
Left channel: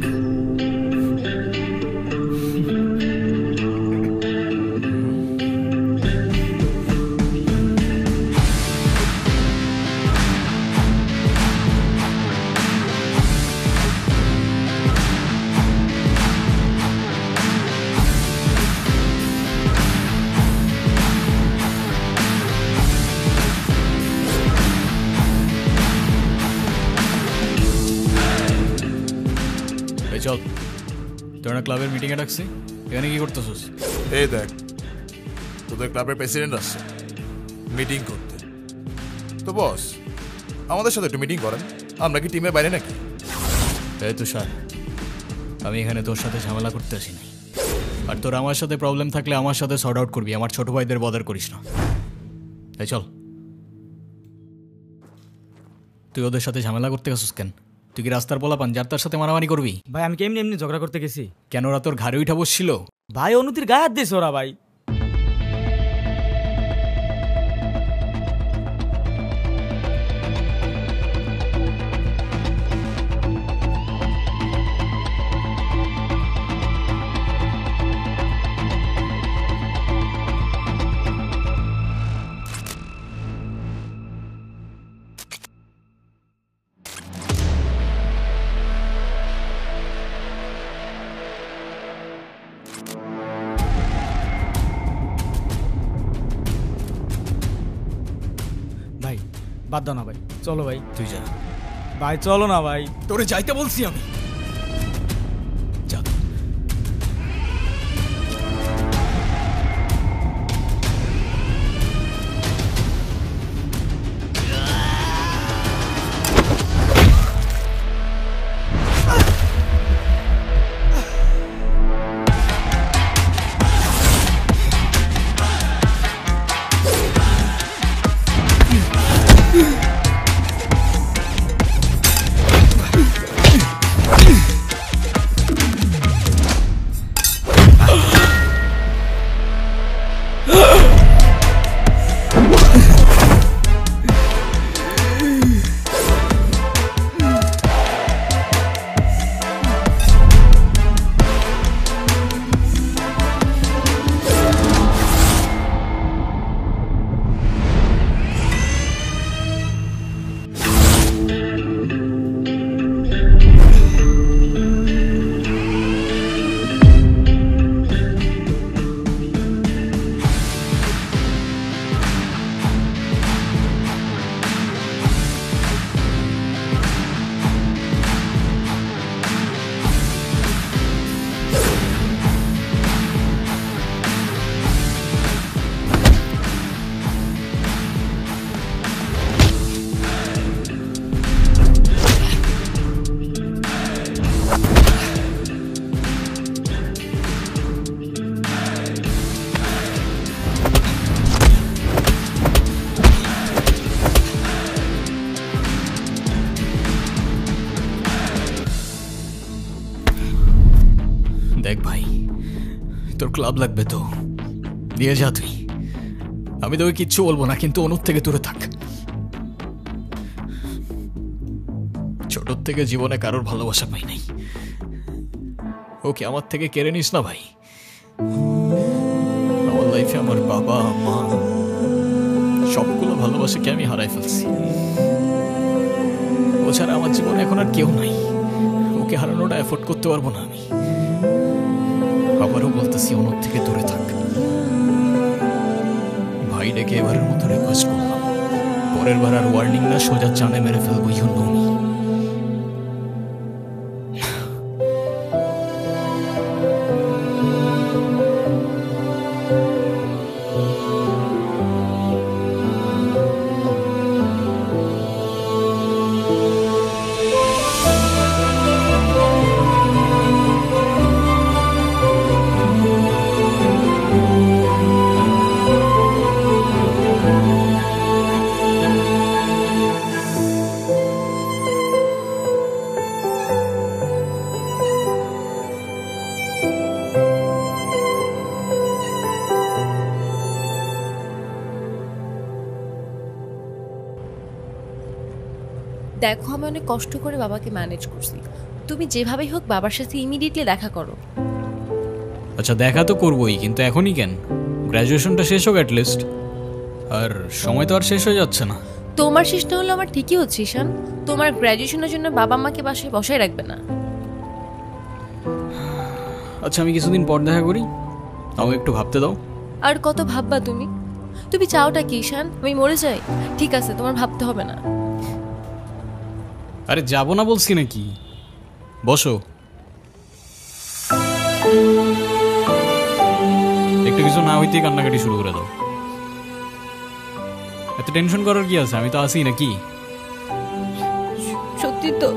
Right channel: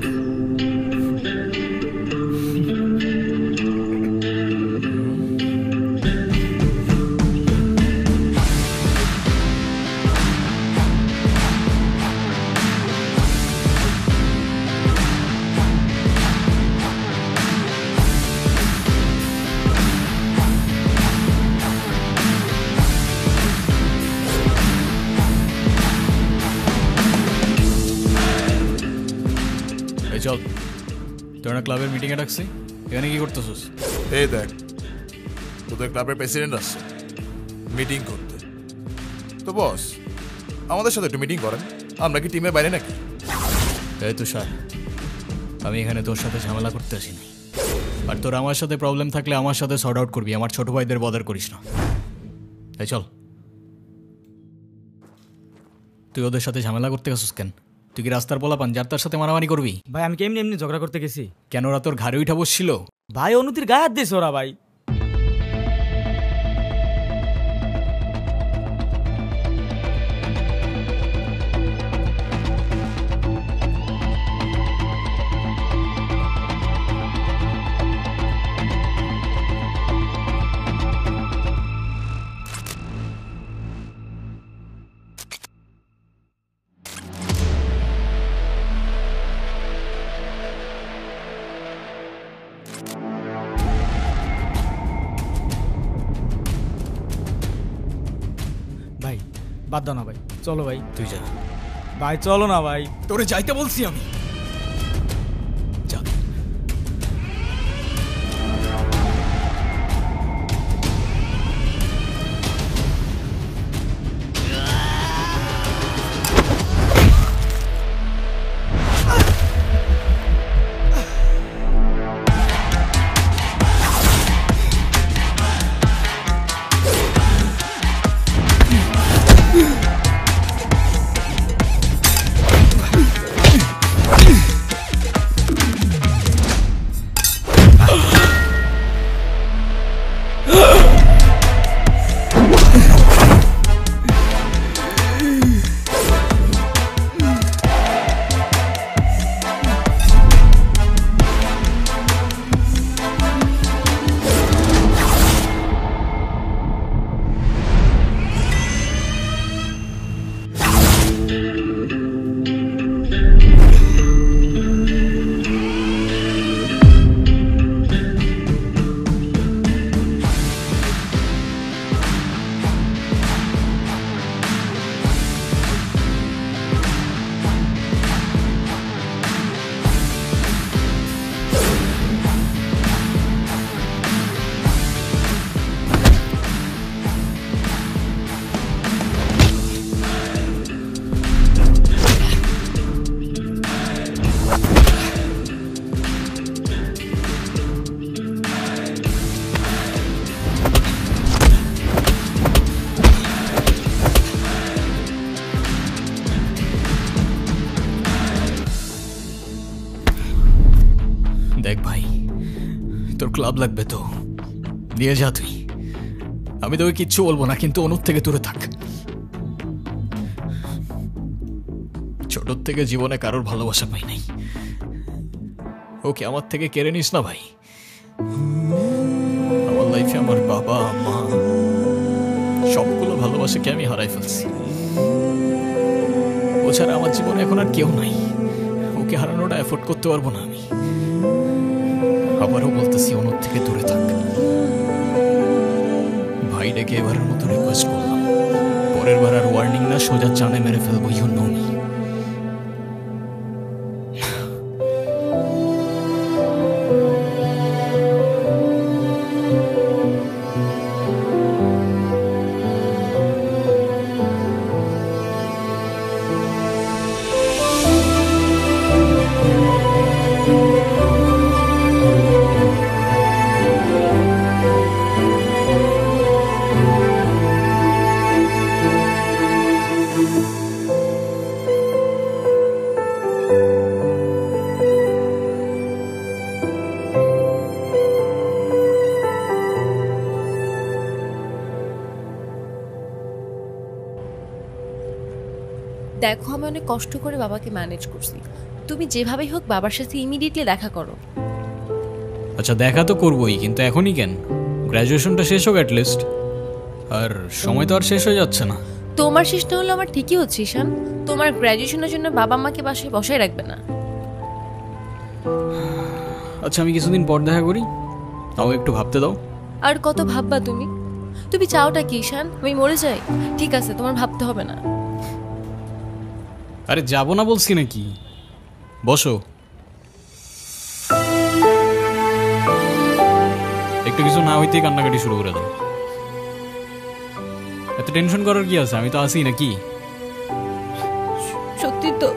চল, তোরা ক্লাবের মিটিংয়ে ডাকছি, এখানে কি করতেছিস? এই দেখ, তোদের ক্লাবের প্রেসিডেন্ট আসছে মিটিং করতে। তো বস, আমাদের সাথে একটু মিটিং করেন, আমরা কি টিমের বাইরে নাকি? এই তুষার, আমি এখানে তোর সাথে ঝামেলা করতে আসি নাই। আর তোর আমার সাথে প্রবলেম থাকলে আমার সাথে সর্ট আউট করবি, আমার ছোট ভাইদের বদার করিস না। এই চল। তুই ওদের সাথে ঝামেলা করতে গেছিস কেন? তুই কি রাস্তার পোলাপান যার তার সাথে মারামারি করবি? ভাই আমি কেমনি এমনি ঝগড়া করতে গেছি। কেন, ওরা তোর ঘাড়ে উঠা বসছিল? ভাই অনুতির গায়ে হাত দিয়েছে ওরা। ভাই ভাই বাদ দাও না ভাই, চলো ভাই। তুই যা ভাই, চলো না ভাই। তোরে যাইতে বলছি আমি। যা। তোর ক্লাব লাগবে তো দিয়ে যা তুই, আমি তোকে কিচ্ছু বলবো না, কিন্তু অনুর থেকে দূরে থাক। ছোটর থেকে জীবনে কারোর ভালোবাসা পাই নাই, ওকে আমার থেকে কেড়ে নিস না ভাই। আমার লাইফে আমার বাবা মা সবগুলো ভালোবাসাকে আমি হারাই ফেলছি। ও ছাড়া আমার জীবনে এখন আর কেউ নাই, ওকে হারানোটা এফোর্ড করতে পারবো না আমি। আবারও বলতেছি অনুর থেকে দূরে থাক। ভাই ডেকে এবারের মতো রিকোয়েস্ট করলাম, পরের বার আর ওয়ার্নিং না, সোজা চানে মেরে ফেলবো। You know me. দেখো আমি অনেক কষ্ট করে বাবাকে ম্যানেজ করছি, তুমি যেভাবেই হোক বাবার সাথে ইমিডিয়েটলি দেখা করো। আচ্ছা দেখা তো করবোই, কিন্তু এখনই কেন? গ্র্যাজুয়েশনটা শেষ হোক অ্যাটলিস্ট। আর সময় তো আর শেষ হয়ে যাচ্ছে না। তোমার শেষ না হলে আমার ঠিকই হচ্ছে ঈশান, তোমার গ্র্যাজুয়েশনের জন্য বাবা মাকে বাসায় বসায় রাখবে না। আচ্ছা আমি কিছুদিন পর দেখা করি, আমাকে একটু ভাবতে দাও। আর কত ভাববা তুমি? তুমি চাওটা কি ঈশান, আমি মরে যাই? ঠিক আছে তোমার ভাবতে হবে না। আরে যাবো না বলছি নাকি, বসো। একটু কিছু না হইতেই কান্নাকাটি শুরু করে দাও। এত টেনশন করার কি আছে, আমি তো আছি নাকি। সত্যি তো?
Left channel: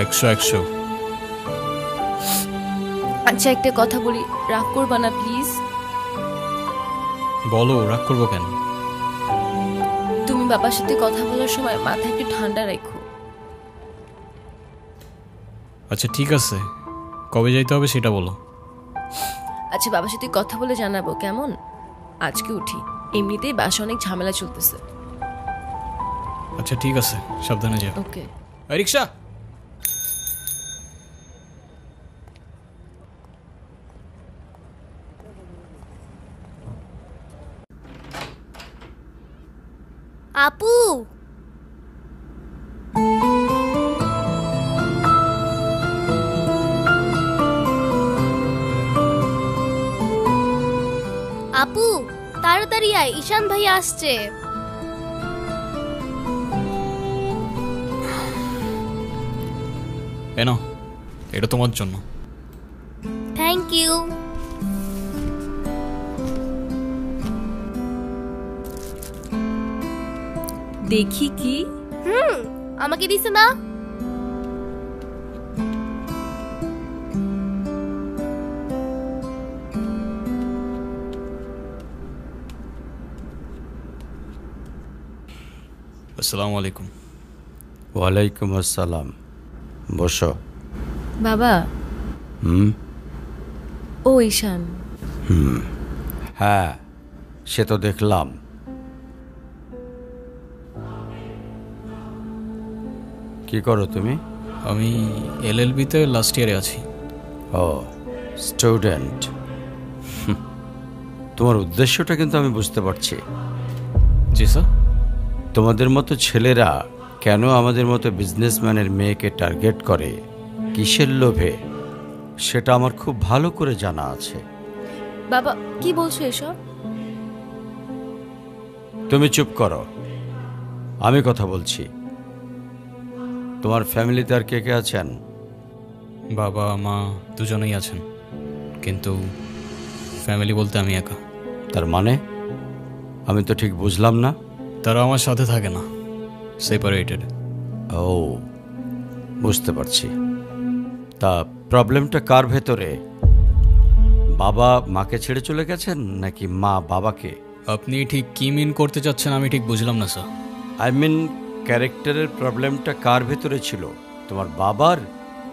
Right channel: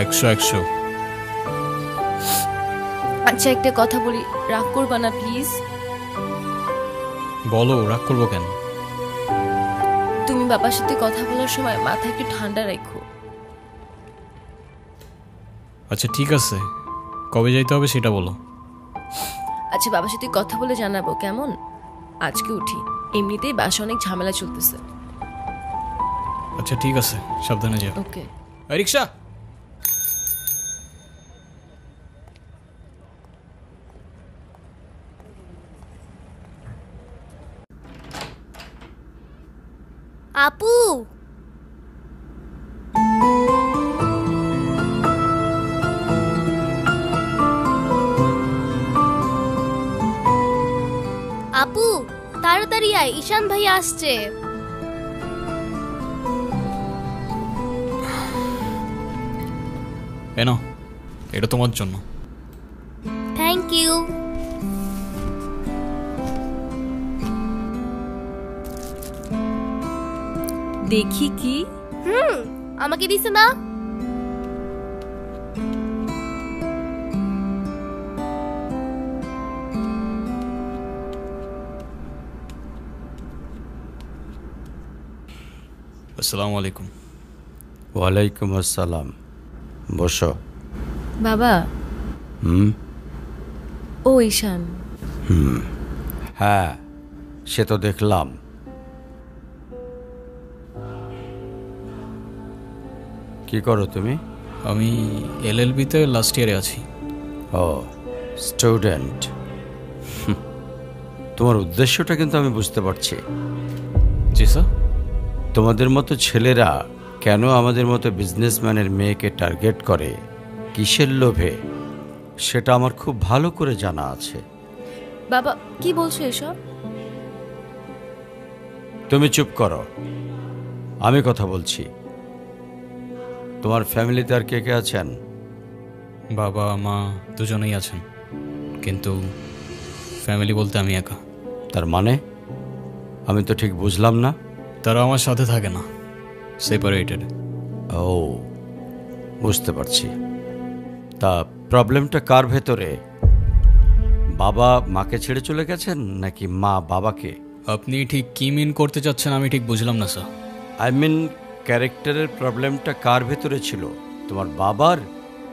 100 আচ্ছা একটা কথা বলি, রাগ করবা না প্লিজ? বলো, রাগ করবো কেন? তুমি বাবার সাথে কথা বলার সময় মাথা একটু ঠান্ডা রাখো। আচ্ছা ঠিক আছে, কবে যাইতে হবে সেটা বলো। আচ্ছা বাবার সাথে কথা বলে জানাবো কেমন? আজকে উঠি, এমনিতেই বাসা অনেক ঝামেলা চলতেছে। আচ্ছা ঠিক আছে, সাবধানে যাও। ওকে। রিক্সা। আপু আপু তাড়াতাড়ি আয়, ঈশান ভাই আসছে। এনো, এটা তোমার জন্য। Thank you. দেখি কি? আমাকে দিছে না? আসসালামু আলাইকুম। ওয়ালাইকুম আসসালাম, বসো। বাবা। ও ঈশান। হ্যাঁ সে তো দেখলাম। কি করো তুমি? আমি এলএলবিতে লাস্ট ইয়ারে আছি। ও স্টুডেন্ট। তোমার উদ্দেশ্যটা কিন্তু আমি বুঝতে পারছি। জি স্যার। তোমাদের মতো ছেলেরা কেন আমাদের মতো বিজনেসম্যানের মেয়েকে টার্গেট করে, কিসের লোভে, সেটা আমার খুব ভালো করে জানা আছে। বাবা কি বলছো এসব? তুমি চুপ করো, আমি কথা বলছি। তোমার ফ্যামিলিতে আর কে কে আছেন? বাবা মা দুজনেই আছেন, কিন্তু ফ্যামিলি বলতে আমি একা। তার মানে আমি তো ঠিক বুঝলাম না। তারা আমার সাথে থাকে না, সেপারেটেড। ও বুঝতে পারছি। তা প্রবলেমটা কার ভেতরে? বাবা মাকে ছেড়ে চলে গেছেন নাকি মা বাবাকে? আপনি ঠিক কি মিন করতে চাচ্ছেন আমি ঠিক বুঝলাম না স্যার। আই মিন ক্যারেক্টারের প্রবলেমটা কার ভেতরে ছিল, তোমার বাবার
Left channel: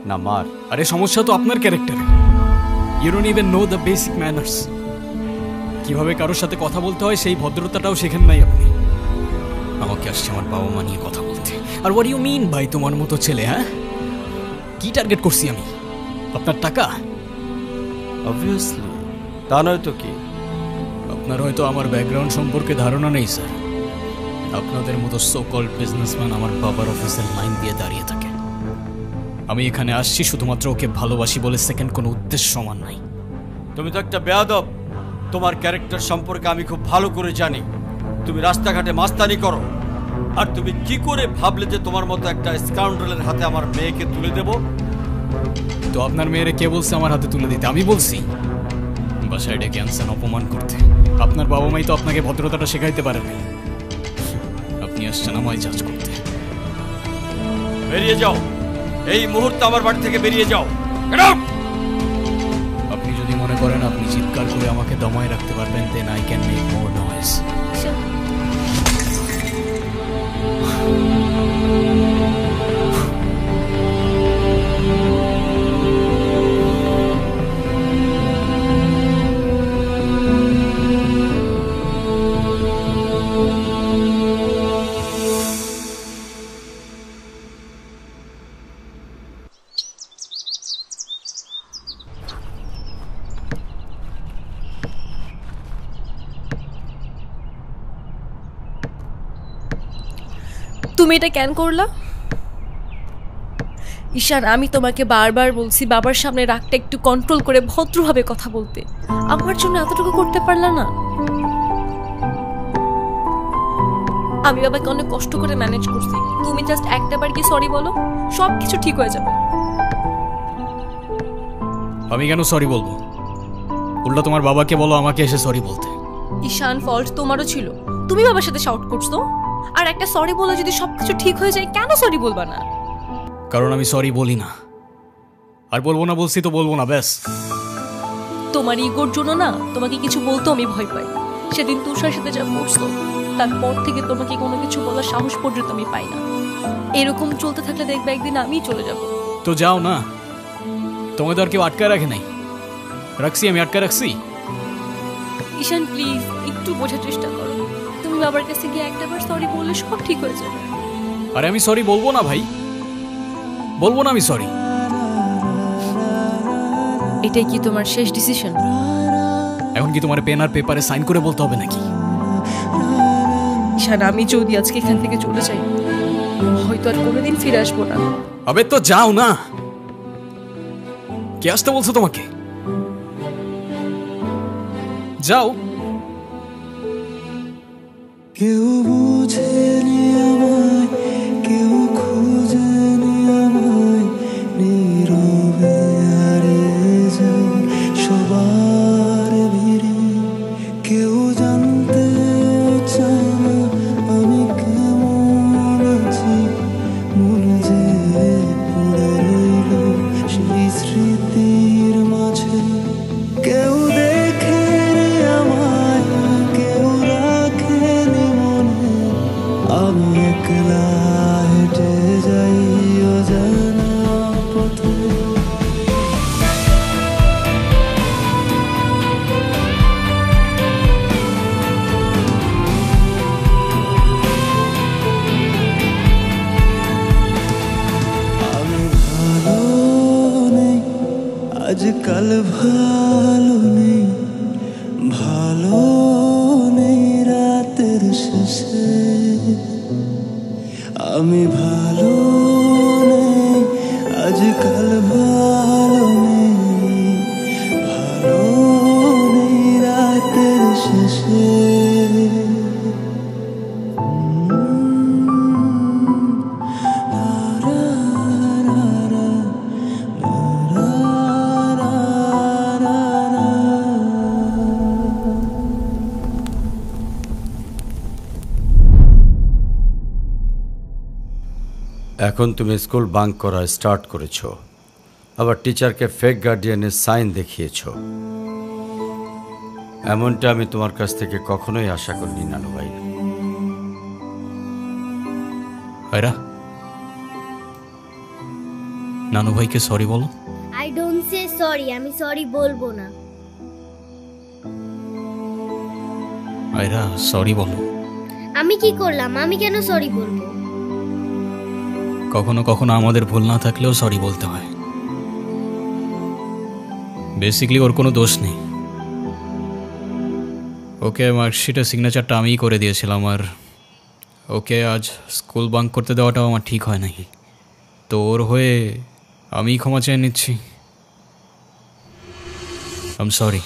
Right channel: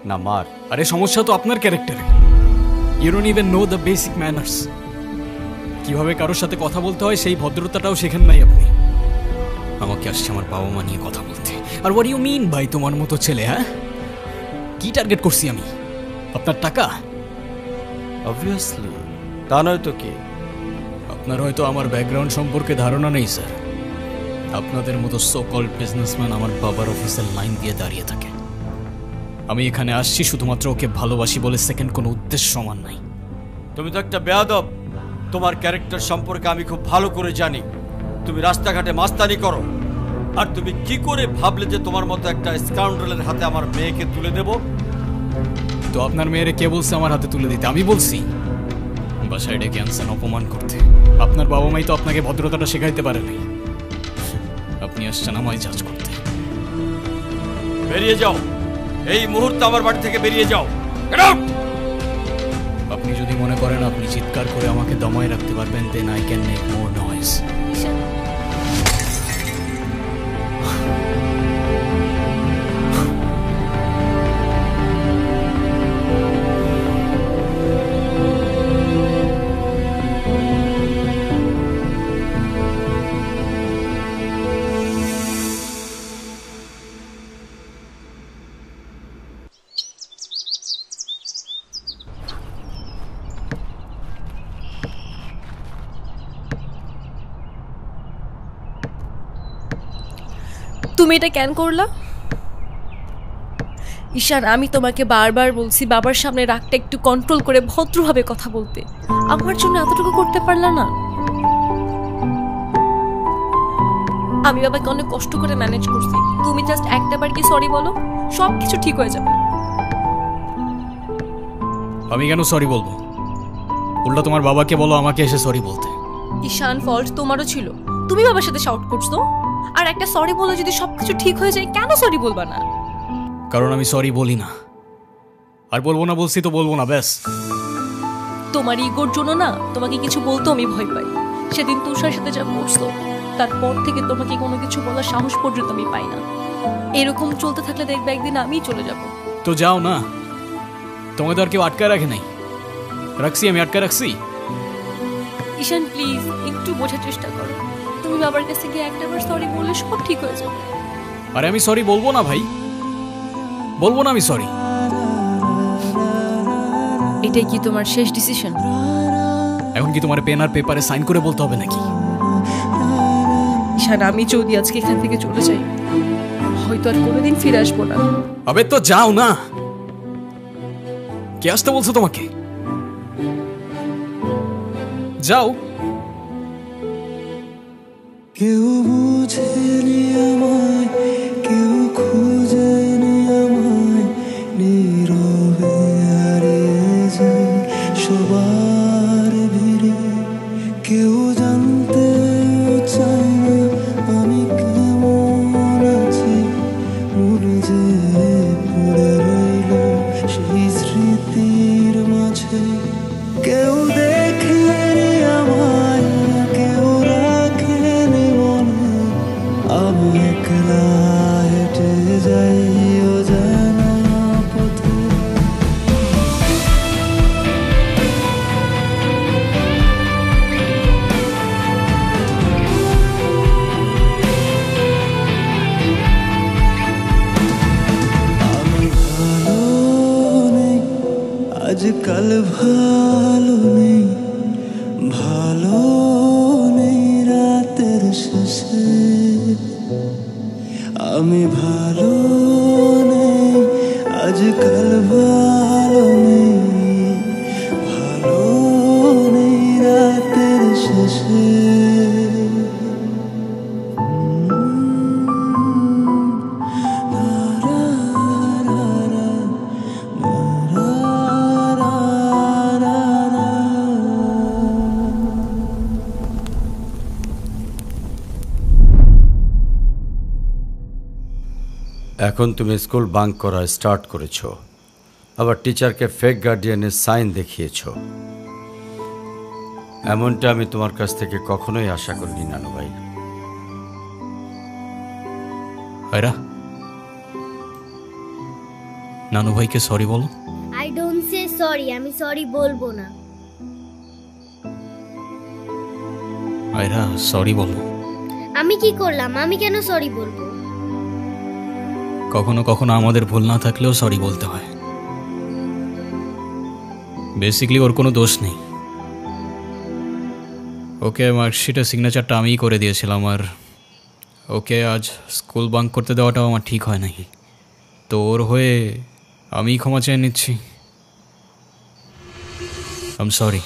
না মার? আরে সমস্যা তো আপনার ক্যারেক্টারে। You don't even know the basic manners. কিভাবে কারোর সাথে কথা বলতে হয় সেই ভদ্রতাটাও শেখেন নাই আপনি। আমাকে আসছে আমার বাবা মা নিয়ে কথা বলতে। আর হোয়াট ইউ মিন ভাই তোমার মতো ছেলে? হ্যাঁ, কি টার্গেট করছি আমি? আপনার টাকা? অবভিয়াসলি, তা নয় তো কি? আপনার হয়তো আমার ব্যাকগ্রাউন্ড সম্পর্কে ধারণা নেই স্যার। আপনাদের মতো সো কল্ড বিজনেসম্যান আমার বাবার অফিসের লাইন দিয়ে দাঁড়িয়ে থাকে। আমি এখানে আসছি শুধুমাত্র ওকে ভালোবাসি বলে, সেকেন্ড কোনো উদ্দেশ্য সমান নাই। তুমি তো একটা বেয়াদব। তোমার ক্যারেক্টার সম্পর্কে আমি খুব ভালো করে জানি। তুমি রাস্তাঘাটে মাস্তানি করো, আর তুমি কি করে ভাবলে যে তোমার মতো একটা স্কাউন্ডারের হাতে আমার মেয়েকে তুলে দেব? তো আপনার মেয়েরে কে বলছে আমার হাতে তুলে দিতে? আমি বলছি? বাসায় ডেকে আনছেন অপমান করতে। আপনার বাবা মাই তো আপনাকে ভদ্রতাটা শেখাইতে পারে নাই। আপনি আসছেন আমায় জাজ করতে। বেরিয়ে যাও, এই মুহূর্তে আমার বাড়ি থেকে বেরিয়ে যাও। Get out! আপনি যদি মনে করেন আপনি চিৎকার করে আমাকে দমায় রাখতে পারবেন, then I can make more noise. তুমি এটা কেন করলা? ঈশান, আমি তোমাকে বারবার বলছি বাবার সামনে রাগটা একটু কন্ট্রোল করে ভদ্রভাবে কথা বলতে। আমার জন্য এতটুকু করতে পারলা না? আমি বাবাকে অনেক কষ্ট করে ম্যানেজ করছি। তুমি জাস্ট একটাবার কি সরি বলো, সব কিছু ঠিক হয়ে যাবে। আমি কেন সরি বলবো? উল্টা তোমার বাবাকে বলো আমাকে এসে সরি বলতে। ঈশান, ফল্ট তোমারও ছিল। তুমি বাবার সাথে শাউট করছো, আর একটা সরি বলে যদি সবকিছু ঠিক হয়ে যায়, কেন সরি বলবা না? কারণ আমি সরি বলি না, আর বলবো না। বলছি তো বলবো না, ব্যাস। তোমার ইগোর জন্য না তোমাকে কিছু বলতে আমি ভয় পাই। সেদিন তুষার সাথে যা করছো, তারপর থেকে তোমাকে কোনো কিছু বলার সাহস পর্যন্ত আমি পাই না। এরকম চলতে থাকলে দেখবে একদিন আমিই চলে যাব। তো যাও না, তোমাদের আর কেউ আটকায় রাখে নাই। রাখছি, আমি আটকায় রাখছি। ঈশান প্লিজ একটু বোঝার চেষ্টা করো। তুমি বাবার কাছে গিয়ে একটাবার সরি বললে সব ঠিক হয়ে যাবে। আরে আমি সরি বলবো না ভাই, বলবো না আমি সরি। এটাই কি তোমার শেষ ডিসিশন? এখন কি তোমার পেন আর পেপারে সাইন করে বলতে হবে নাকি? ঈশান, আমি যদি আজকে এখান থেকে চলে যাই, হয়তো আর কোনোদিন ফিরে আসবো না। আবে তো যাও না। কে আসতে বলছো তোমাকে? যাও। কেউ বুঝেনি আমায়, কেউ খুঁজেনি আমায়, নীরবে হারিয়ে যাই সবার ভিড়ে। কেউ জানতেও চায় না আমি কেমন আছি, মন যে পড়ে রইল সেই স্মৃতির মাঝে। কেউ দেখেনি আমায়, কেউ রাখেনি মনে, আমি একলা হেঁটে যাই অজানা পথে। আমি ভালো নেই, আজকাল ভালো নেই, ভালো নেই রাতের শেষে। আমি ভালো নেই, আজকাল ভালো নেই, ভালো নেই রাতের শেষে। এখন তুমি স্কুল বাঙ্ক করা স্টার্ট করেছো, আবার টিচারকে ফেক গার্ডিয়ানের সাইন দেখিয়েছো। এমনটা আমি তোমার কাছ থেকে কখনোই আশা করিনি নানু ভাই। নানু ভাইকে সরি বলো। I I don't say sorry, আমি সরি বলবো না। আয়রা সরি বলো। আমি কি করলাম? আমি কেন সরি বলবো? কখনো কখনো আমাদের ভুল না থাকলেও সরি বলতে হয়। বেসিক্যালি ওর কোনো দোষ নেই। ওকে মার্কশিটের সিগনেচারটা আমিই করে দিয়েছিলাম, আর ওকে আজ স্কুল বাঙ্ক করতে দেওয়াটাও আমার ঠিক হয় নাই। তো ওর হয়ে আমিই ক্ষমা চেয়ে নিচ্ছি। I am sorry.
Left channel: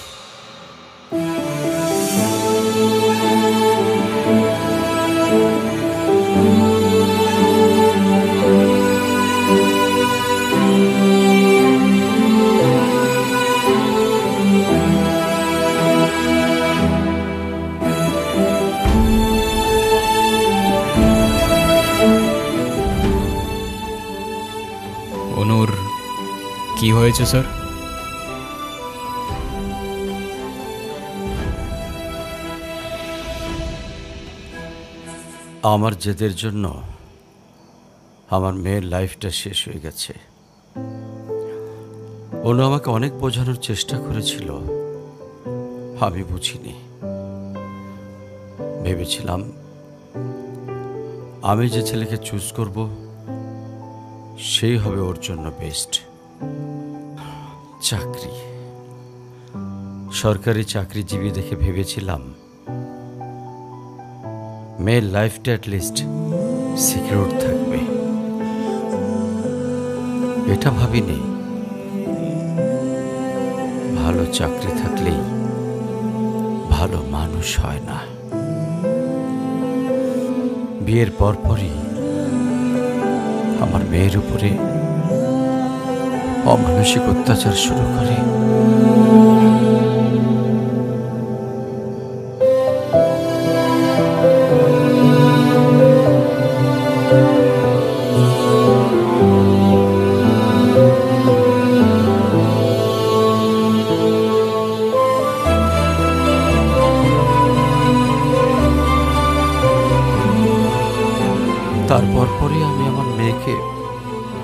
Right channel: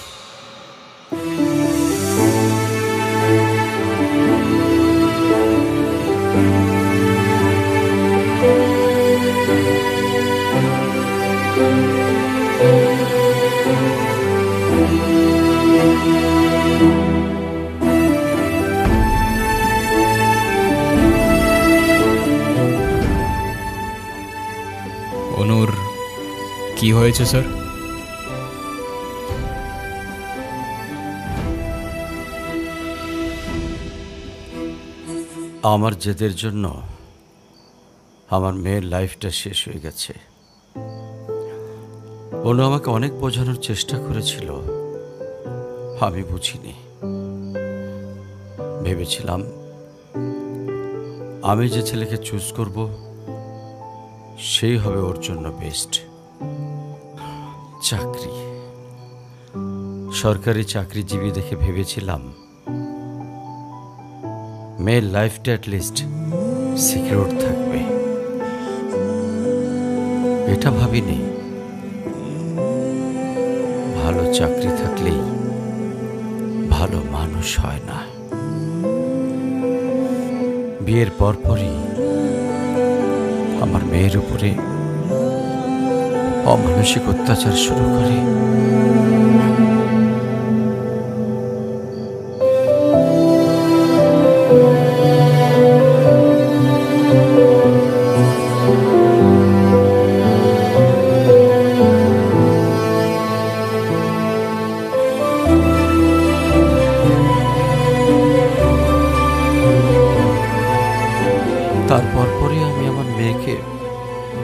অনুর কি হয়েছে স্যার? আমার জেদের জন্য আমার মেয়ের লাইফটা শেষ হয়ে গেছে। অনু আমাকে অনেক বোঝানোর চেষ্টা করেছিল, আমি বুঝিনি। ভেবেছিলাম আমি যে ছেলেকে চুজ করব সেই হবে ওর জন্য বেস্ট। চাকরি, সরকারি চাকরিজীবী দেখে ভেবেছিলাম মেয়ের লাইফটা অ্যাটলিস্ট সিকিউর থাকবে। এটা ভাবিনি ভালো চাকরি থাকলেই ভালো মানুষ হয় না। বিয়ের পরপরই আমার মেয়ের উপরে অমানসিক অত্যাচার শুরু করে। তারপর পরে আমি আমার মেয়েকে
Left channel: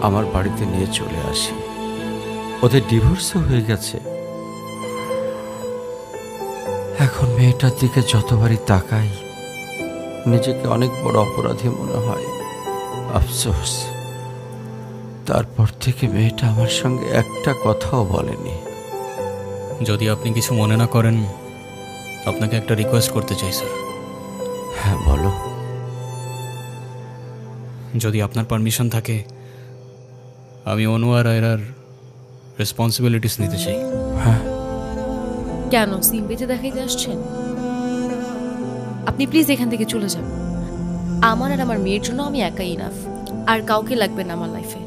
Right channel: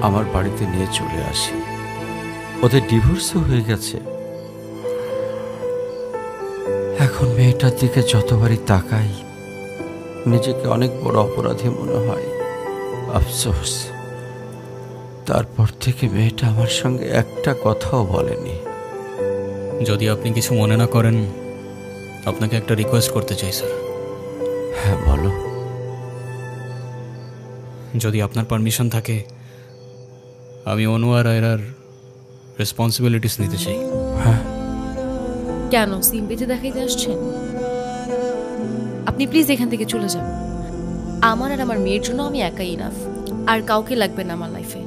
আমার বাড়িতে নিয়ে চলে আসি। ওদের ডিভোর্সও হয়ে গেছে। এখন মেয়েটার দিকে যতবারই তাকাই নিজেকে অনেক বড় অপরাধী মনে হয়। আফসোস, তারপর থেকে মেয়েটা আমার সঙ্গে একটা কথাও বলেনি। যদি আপনি কিছু মনে না করেন, আপনাকে একটা রিকোয়েস্ট করতে চাই স্যার। হ্যাঁ বলো। যদি আপনার পারমিশন থাকে, আমি অনু আর আয়রার রেসপন্সিবিলিটিস নিতে চাই। হ্যাঁ। কেন সিম্পেথি দেখাইতে আসছেন? আপনি প্লিজ এখান থেকে চলে যান। আমার আর আমার মেয়ের জন্য আমি একাই ইনাফ, আর কাউকে লাগবে না আমার লাইফে।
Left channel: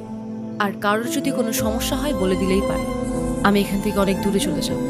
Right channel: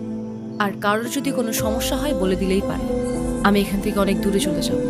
আর কারোর যদি কোনো সমস্যা হয় বলে দিলেই পারে। আমি এখান থেকে অনেক দূরে চলে যাব।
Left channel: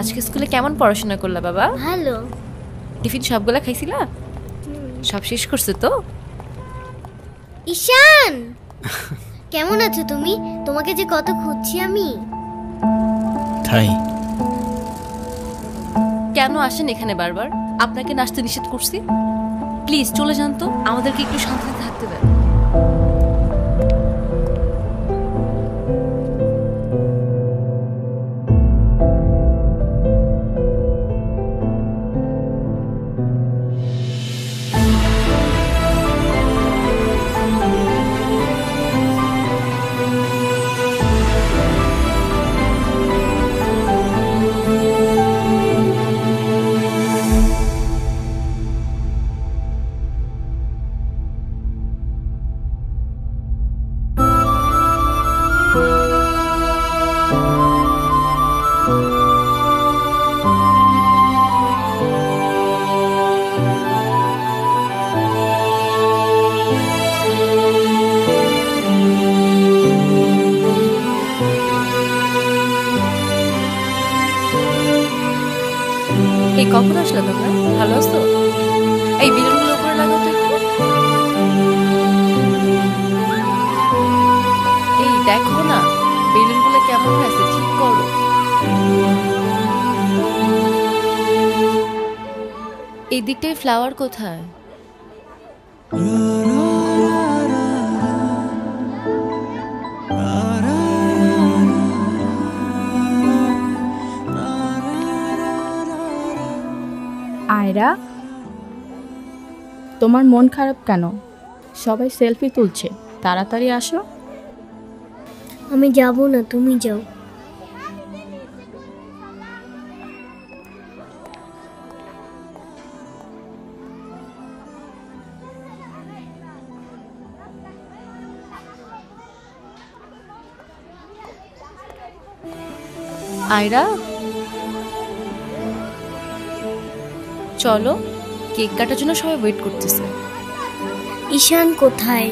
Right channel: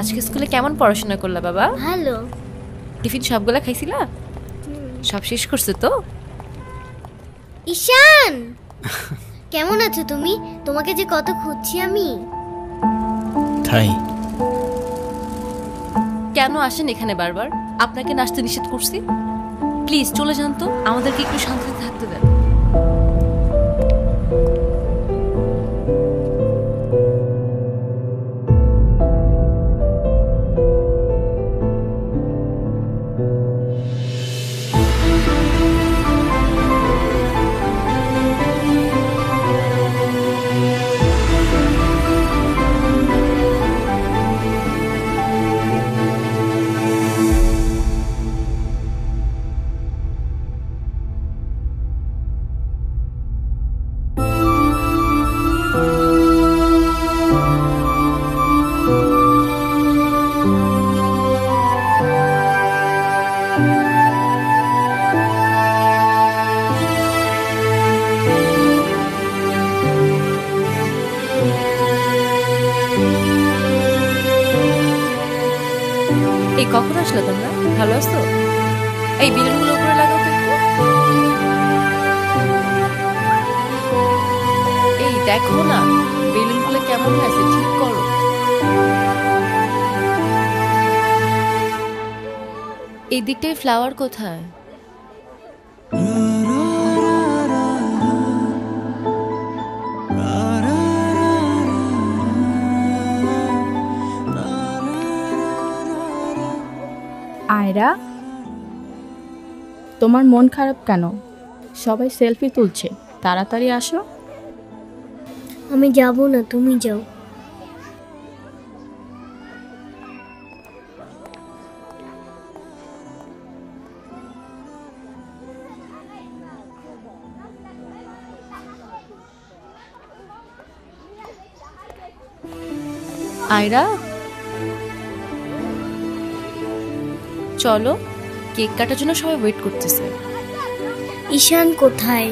আজকে স্কুলে কেমন পড়াশোনা করলা বাবা? ভালো। টিফিন সবগুলা খাইছিলা? সব শেষ করছে তো? ঈশান, কেমন আছো তুমি? তোমাকে যে কত খুঁজছি আমি। তাই কেন আসেন এখানে বারবার? আপনাকে নাচতে নিষেধ করছি। প্লিজ চলে যান তো, আমাদেরকে একটু শান্তিতে থাকতে দেন। এই কখন আসলে তোমরা? ভালো আছো? এই বেলুনগুলো উপরে লাগাও তো একটু। এই দেখো না বেলুনগুলো কেমন হয়েছে, ঠিক করো। এই দিকটায় ফ্লাওয়ার কোথায়? আয়রা, তোমার মন খারাপ কেন? সবাই সেলফি তুলছে, তাড়াতাড়ি আসো। আমি যাব না, তুমি যাও। আয়রা চলো, কেক কাটার জন্য সবাই ওয়েট করতেছে। ঈশান কোথায়?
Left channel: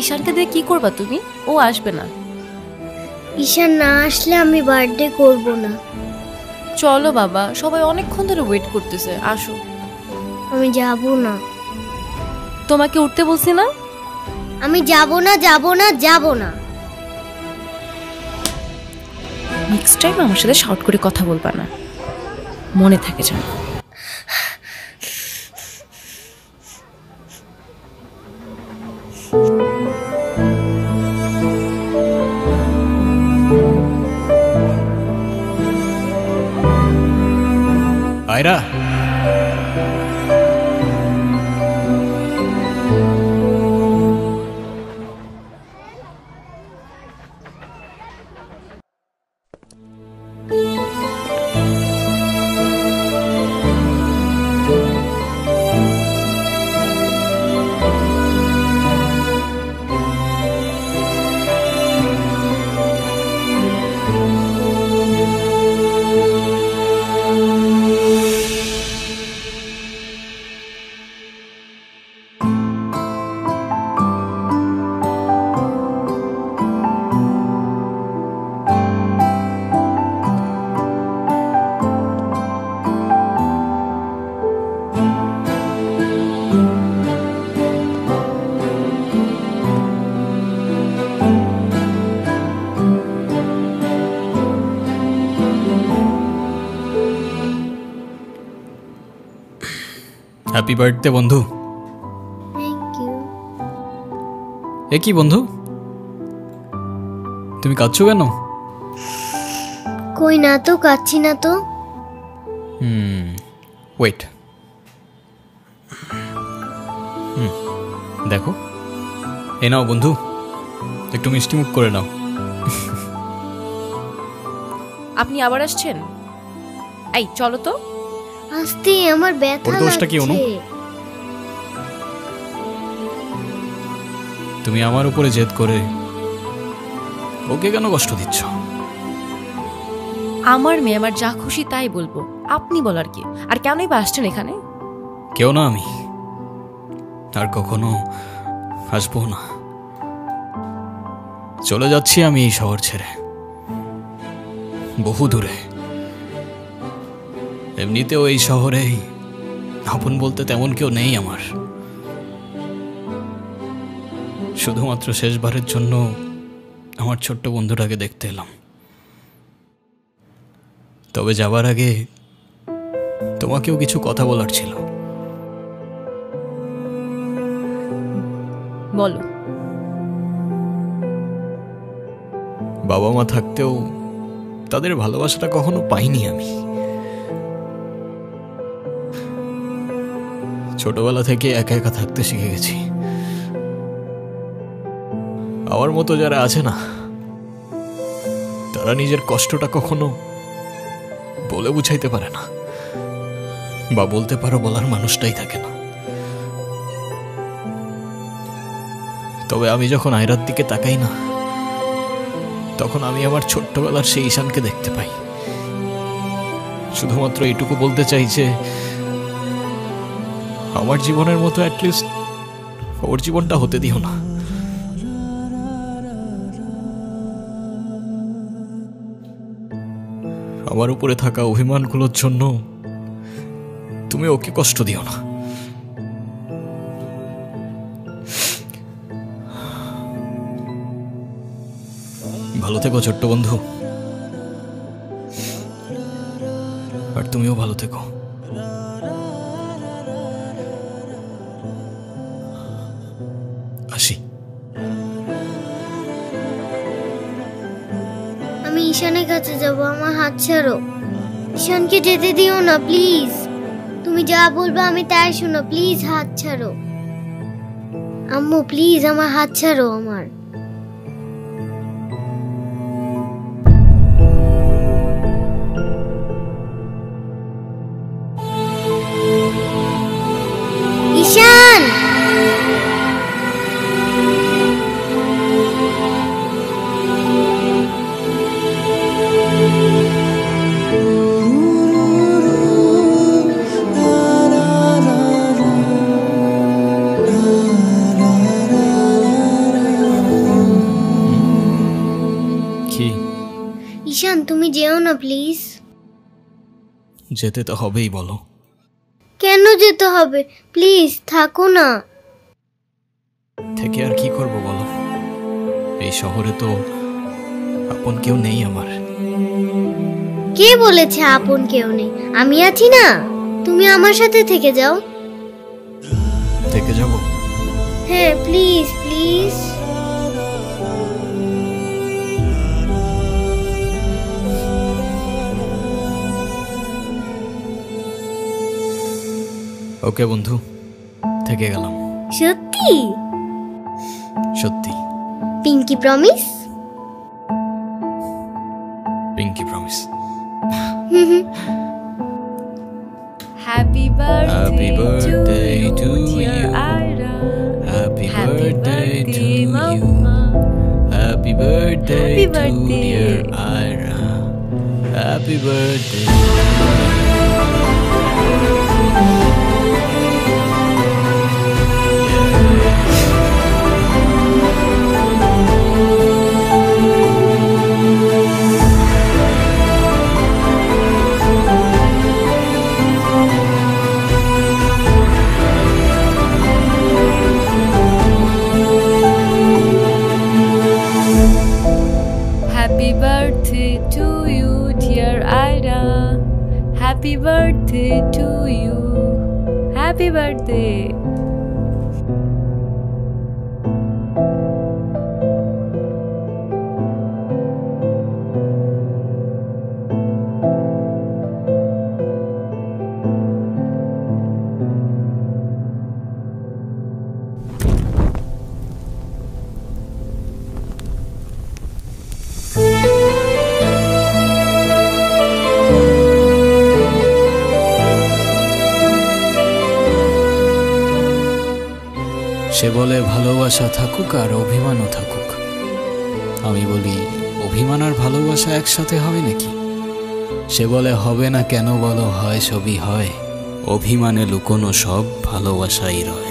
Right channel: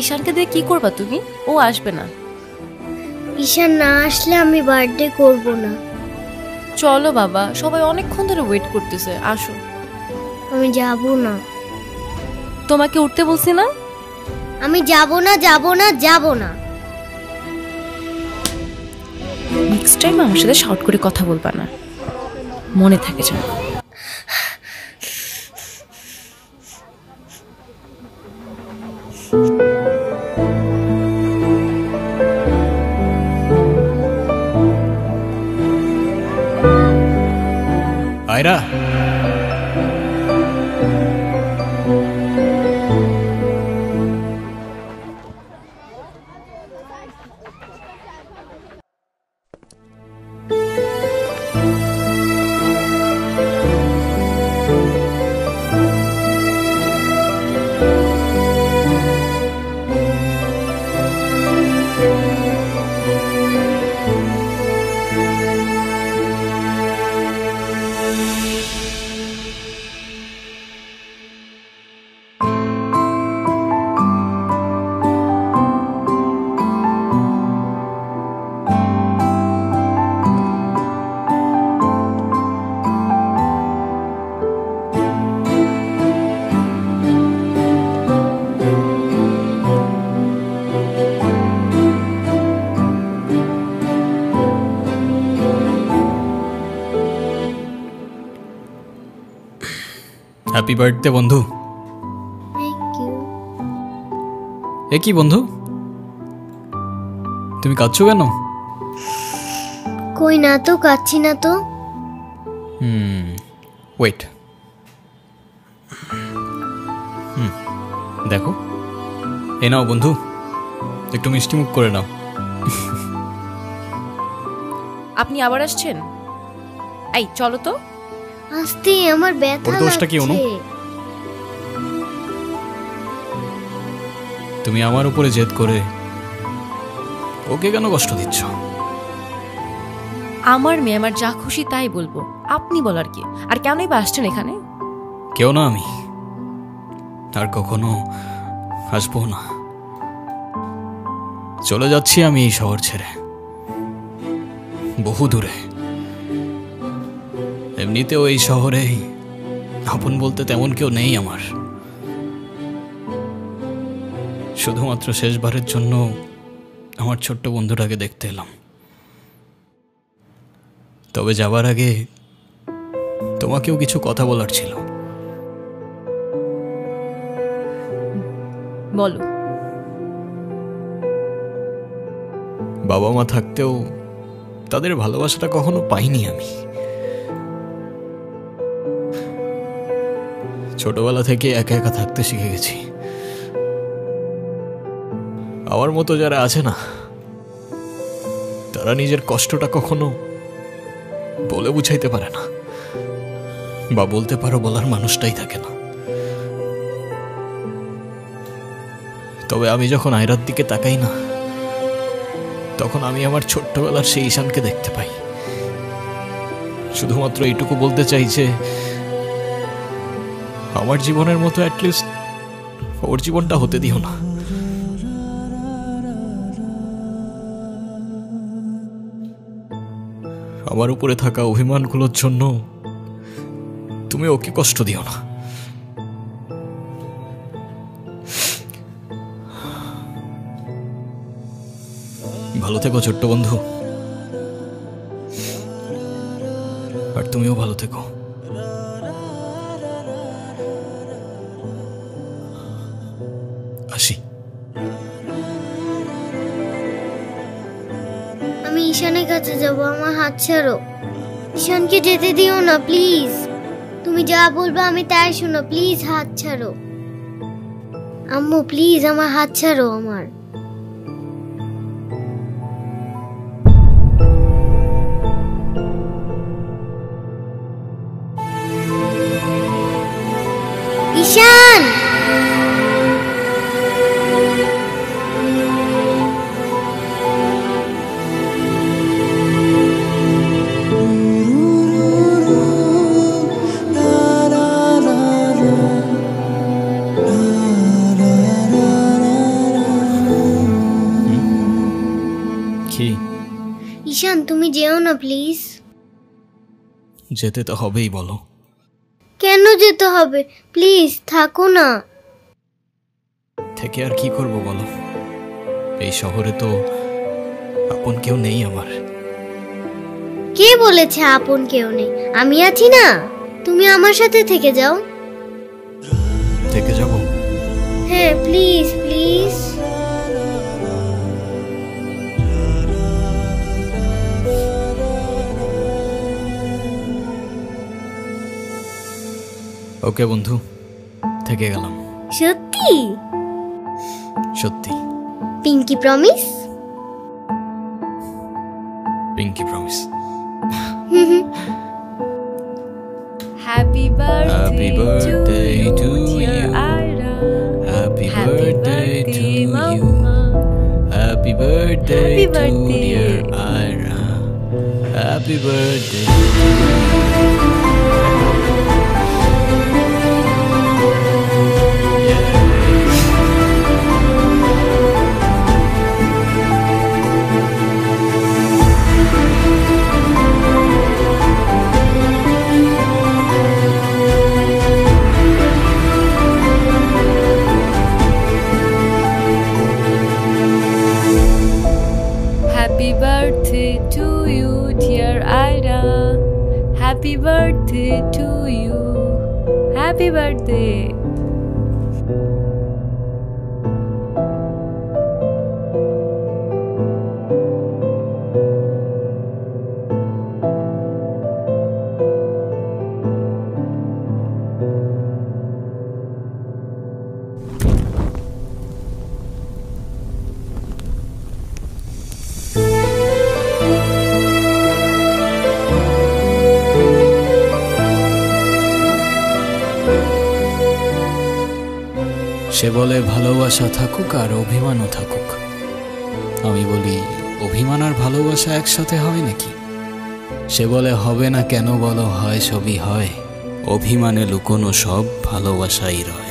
ঈশানকে দিয়ে কি করবা তুমি? ও আসবে না। ঈশান না আসলে আমি বার্থডে করব না। চলো বাবা, সবাই অনেকক্ষণ ধরে ওয়েট করতেছে, আসো। আমি যাব না। তোমাকে উঠতে বলছি না? আমি যাব না, যাব না, যাব না। নেক্সট টাইম আমার সাথে শর্ট করে কথা বলবা না, মনে থাকে যেন। আয়রা, হ্যাপি বার্থডে বন্ধু। Thank you. এ কি বন্ধু, তুমি কাঁদছো কেন? কই না তো, কাচ্ছি না তো। ওয়েট, দেখো, এ নাও বন্ধু, একটু মিষ্টি মুখ করে নাও। আপনি আবার আসছেন? এই চলো তো। আস্তে, আমার ব্যথা দোষটা কি অনু? লাগছে। তুমি আমার উপরে জেদ করে ওকে কেন কষ্ট দিচ্ছ? আমার মেয়ে, আমার যা খুশি তাই বলবো, আপনি বলার কি? আর কেনই বা আসছেন এখানে? কেউ না আমি, আর কখনো আসবো না। চলে যাচ্ছি আমি এই শহর ছেড়ে, বহু দূরে। এমনিতেও এই শহরে আপন বলতে তেমন কেউ নেই আমার। শুধুমাত্র শেষবারের জন্য আমার ছোট্ট বন্ধুটাকে দেখতে এলাম। তবে যাবার আগে তোমাকেও কিছু কথা বলার ছিল। বলো। বাবা মা থাকতেও তাদের ভালোবাসাটা কখনো পাইনি আমি। ছোটবেলা থেকে একা একা থাকতে শিখে গেছি। আমার মতো যারা আছে না, তারা নিজের কষ্টটা কখনো বলে বুঝাইতে পারে না, বা বলতে পারো বলার মানুষটাই থাকে না। তবে আমি যখন আয়রার দিকে তাকাই না, তখন আমি আমার ছোট্টবেলার সেই ঈশানকে দেখতে পাই। শুধুমাত্র এইটুকু বলতে চাই যে আমার জীবনের মতো অ্যাটলিস্ট ওর জীবনটা হতে দিও না। আমার উপরে থাকা অভিমানগুলোর জন্য তুমি ওকে কষ্ট দিও না। ভালো থেকো ছোট্ট বন্ধু, আর তুমিও ভালো থেকো। আসি। আমি ঈশানের কাছে যাব, আমার হাত ছাড়ো। ঈশানকে যেতে দিও না প্লিজ। তুমি যা বলবে আমি তাই শোনো, প্লিজ হাত ছাড়ো। আম্মু প্লিজ আমার হাত ছাড়ো। আমার ঈশান, ঈশান তুমি যেও না প্লিজ। যেতে তো হবেই, বলো কেন যেতে হবে? প্লিজ থাকো না। থেকে আর কি করব বলো, এই শহরে তো আপন কেউ নেই আমার। কে বলেছে আপন কেউ নেই? আমি আছি না, তুমি আমার সাথে থেকে যাও। থেকে যাব? হ্যাঁ প্লিজ প্লিজ। ওকে বন্ধু, থেকে গেলাম। সত্যি? সত্যি। Pinky promise? Pinky promise. Happy Happy birthday to you. Ira. Happy birthday to you. Happy birthday Happy to birthday. dear Ira. Happy birthday to you. Happy birthday to you, dear Ira. Happy birthday to you. Happy birthday. সে বলে ভালোবাসা থাকুক আর অভিমানও থাকুক। আমি বলি অভিমান আর ভালোবাসা একসাথে হয় নাকি? সে বলে হবে না কেন বলো, হয় সবই হয়, অভিমানে লুকোনো সব ভালোবাসাই রয়।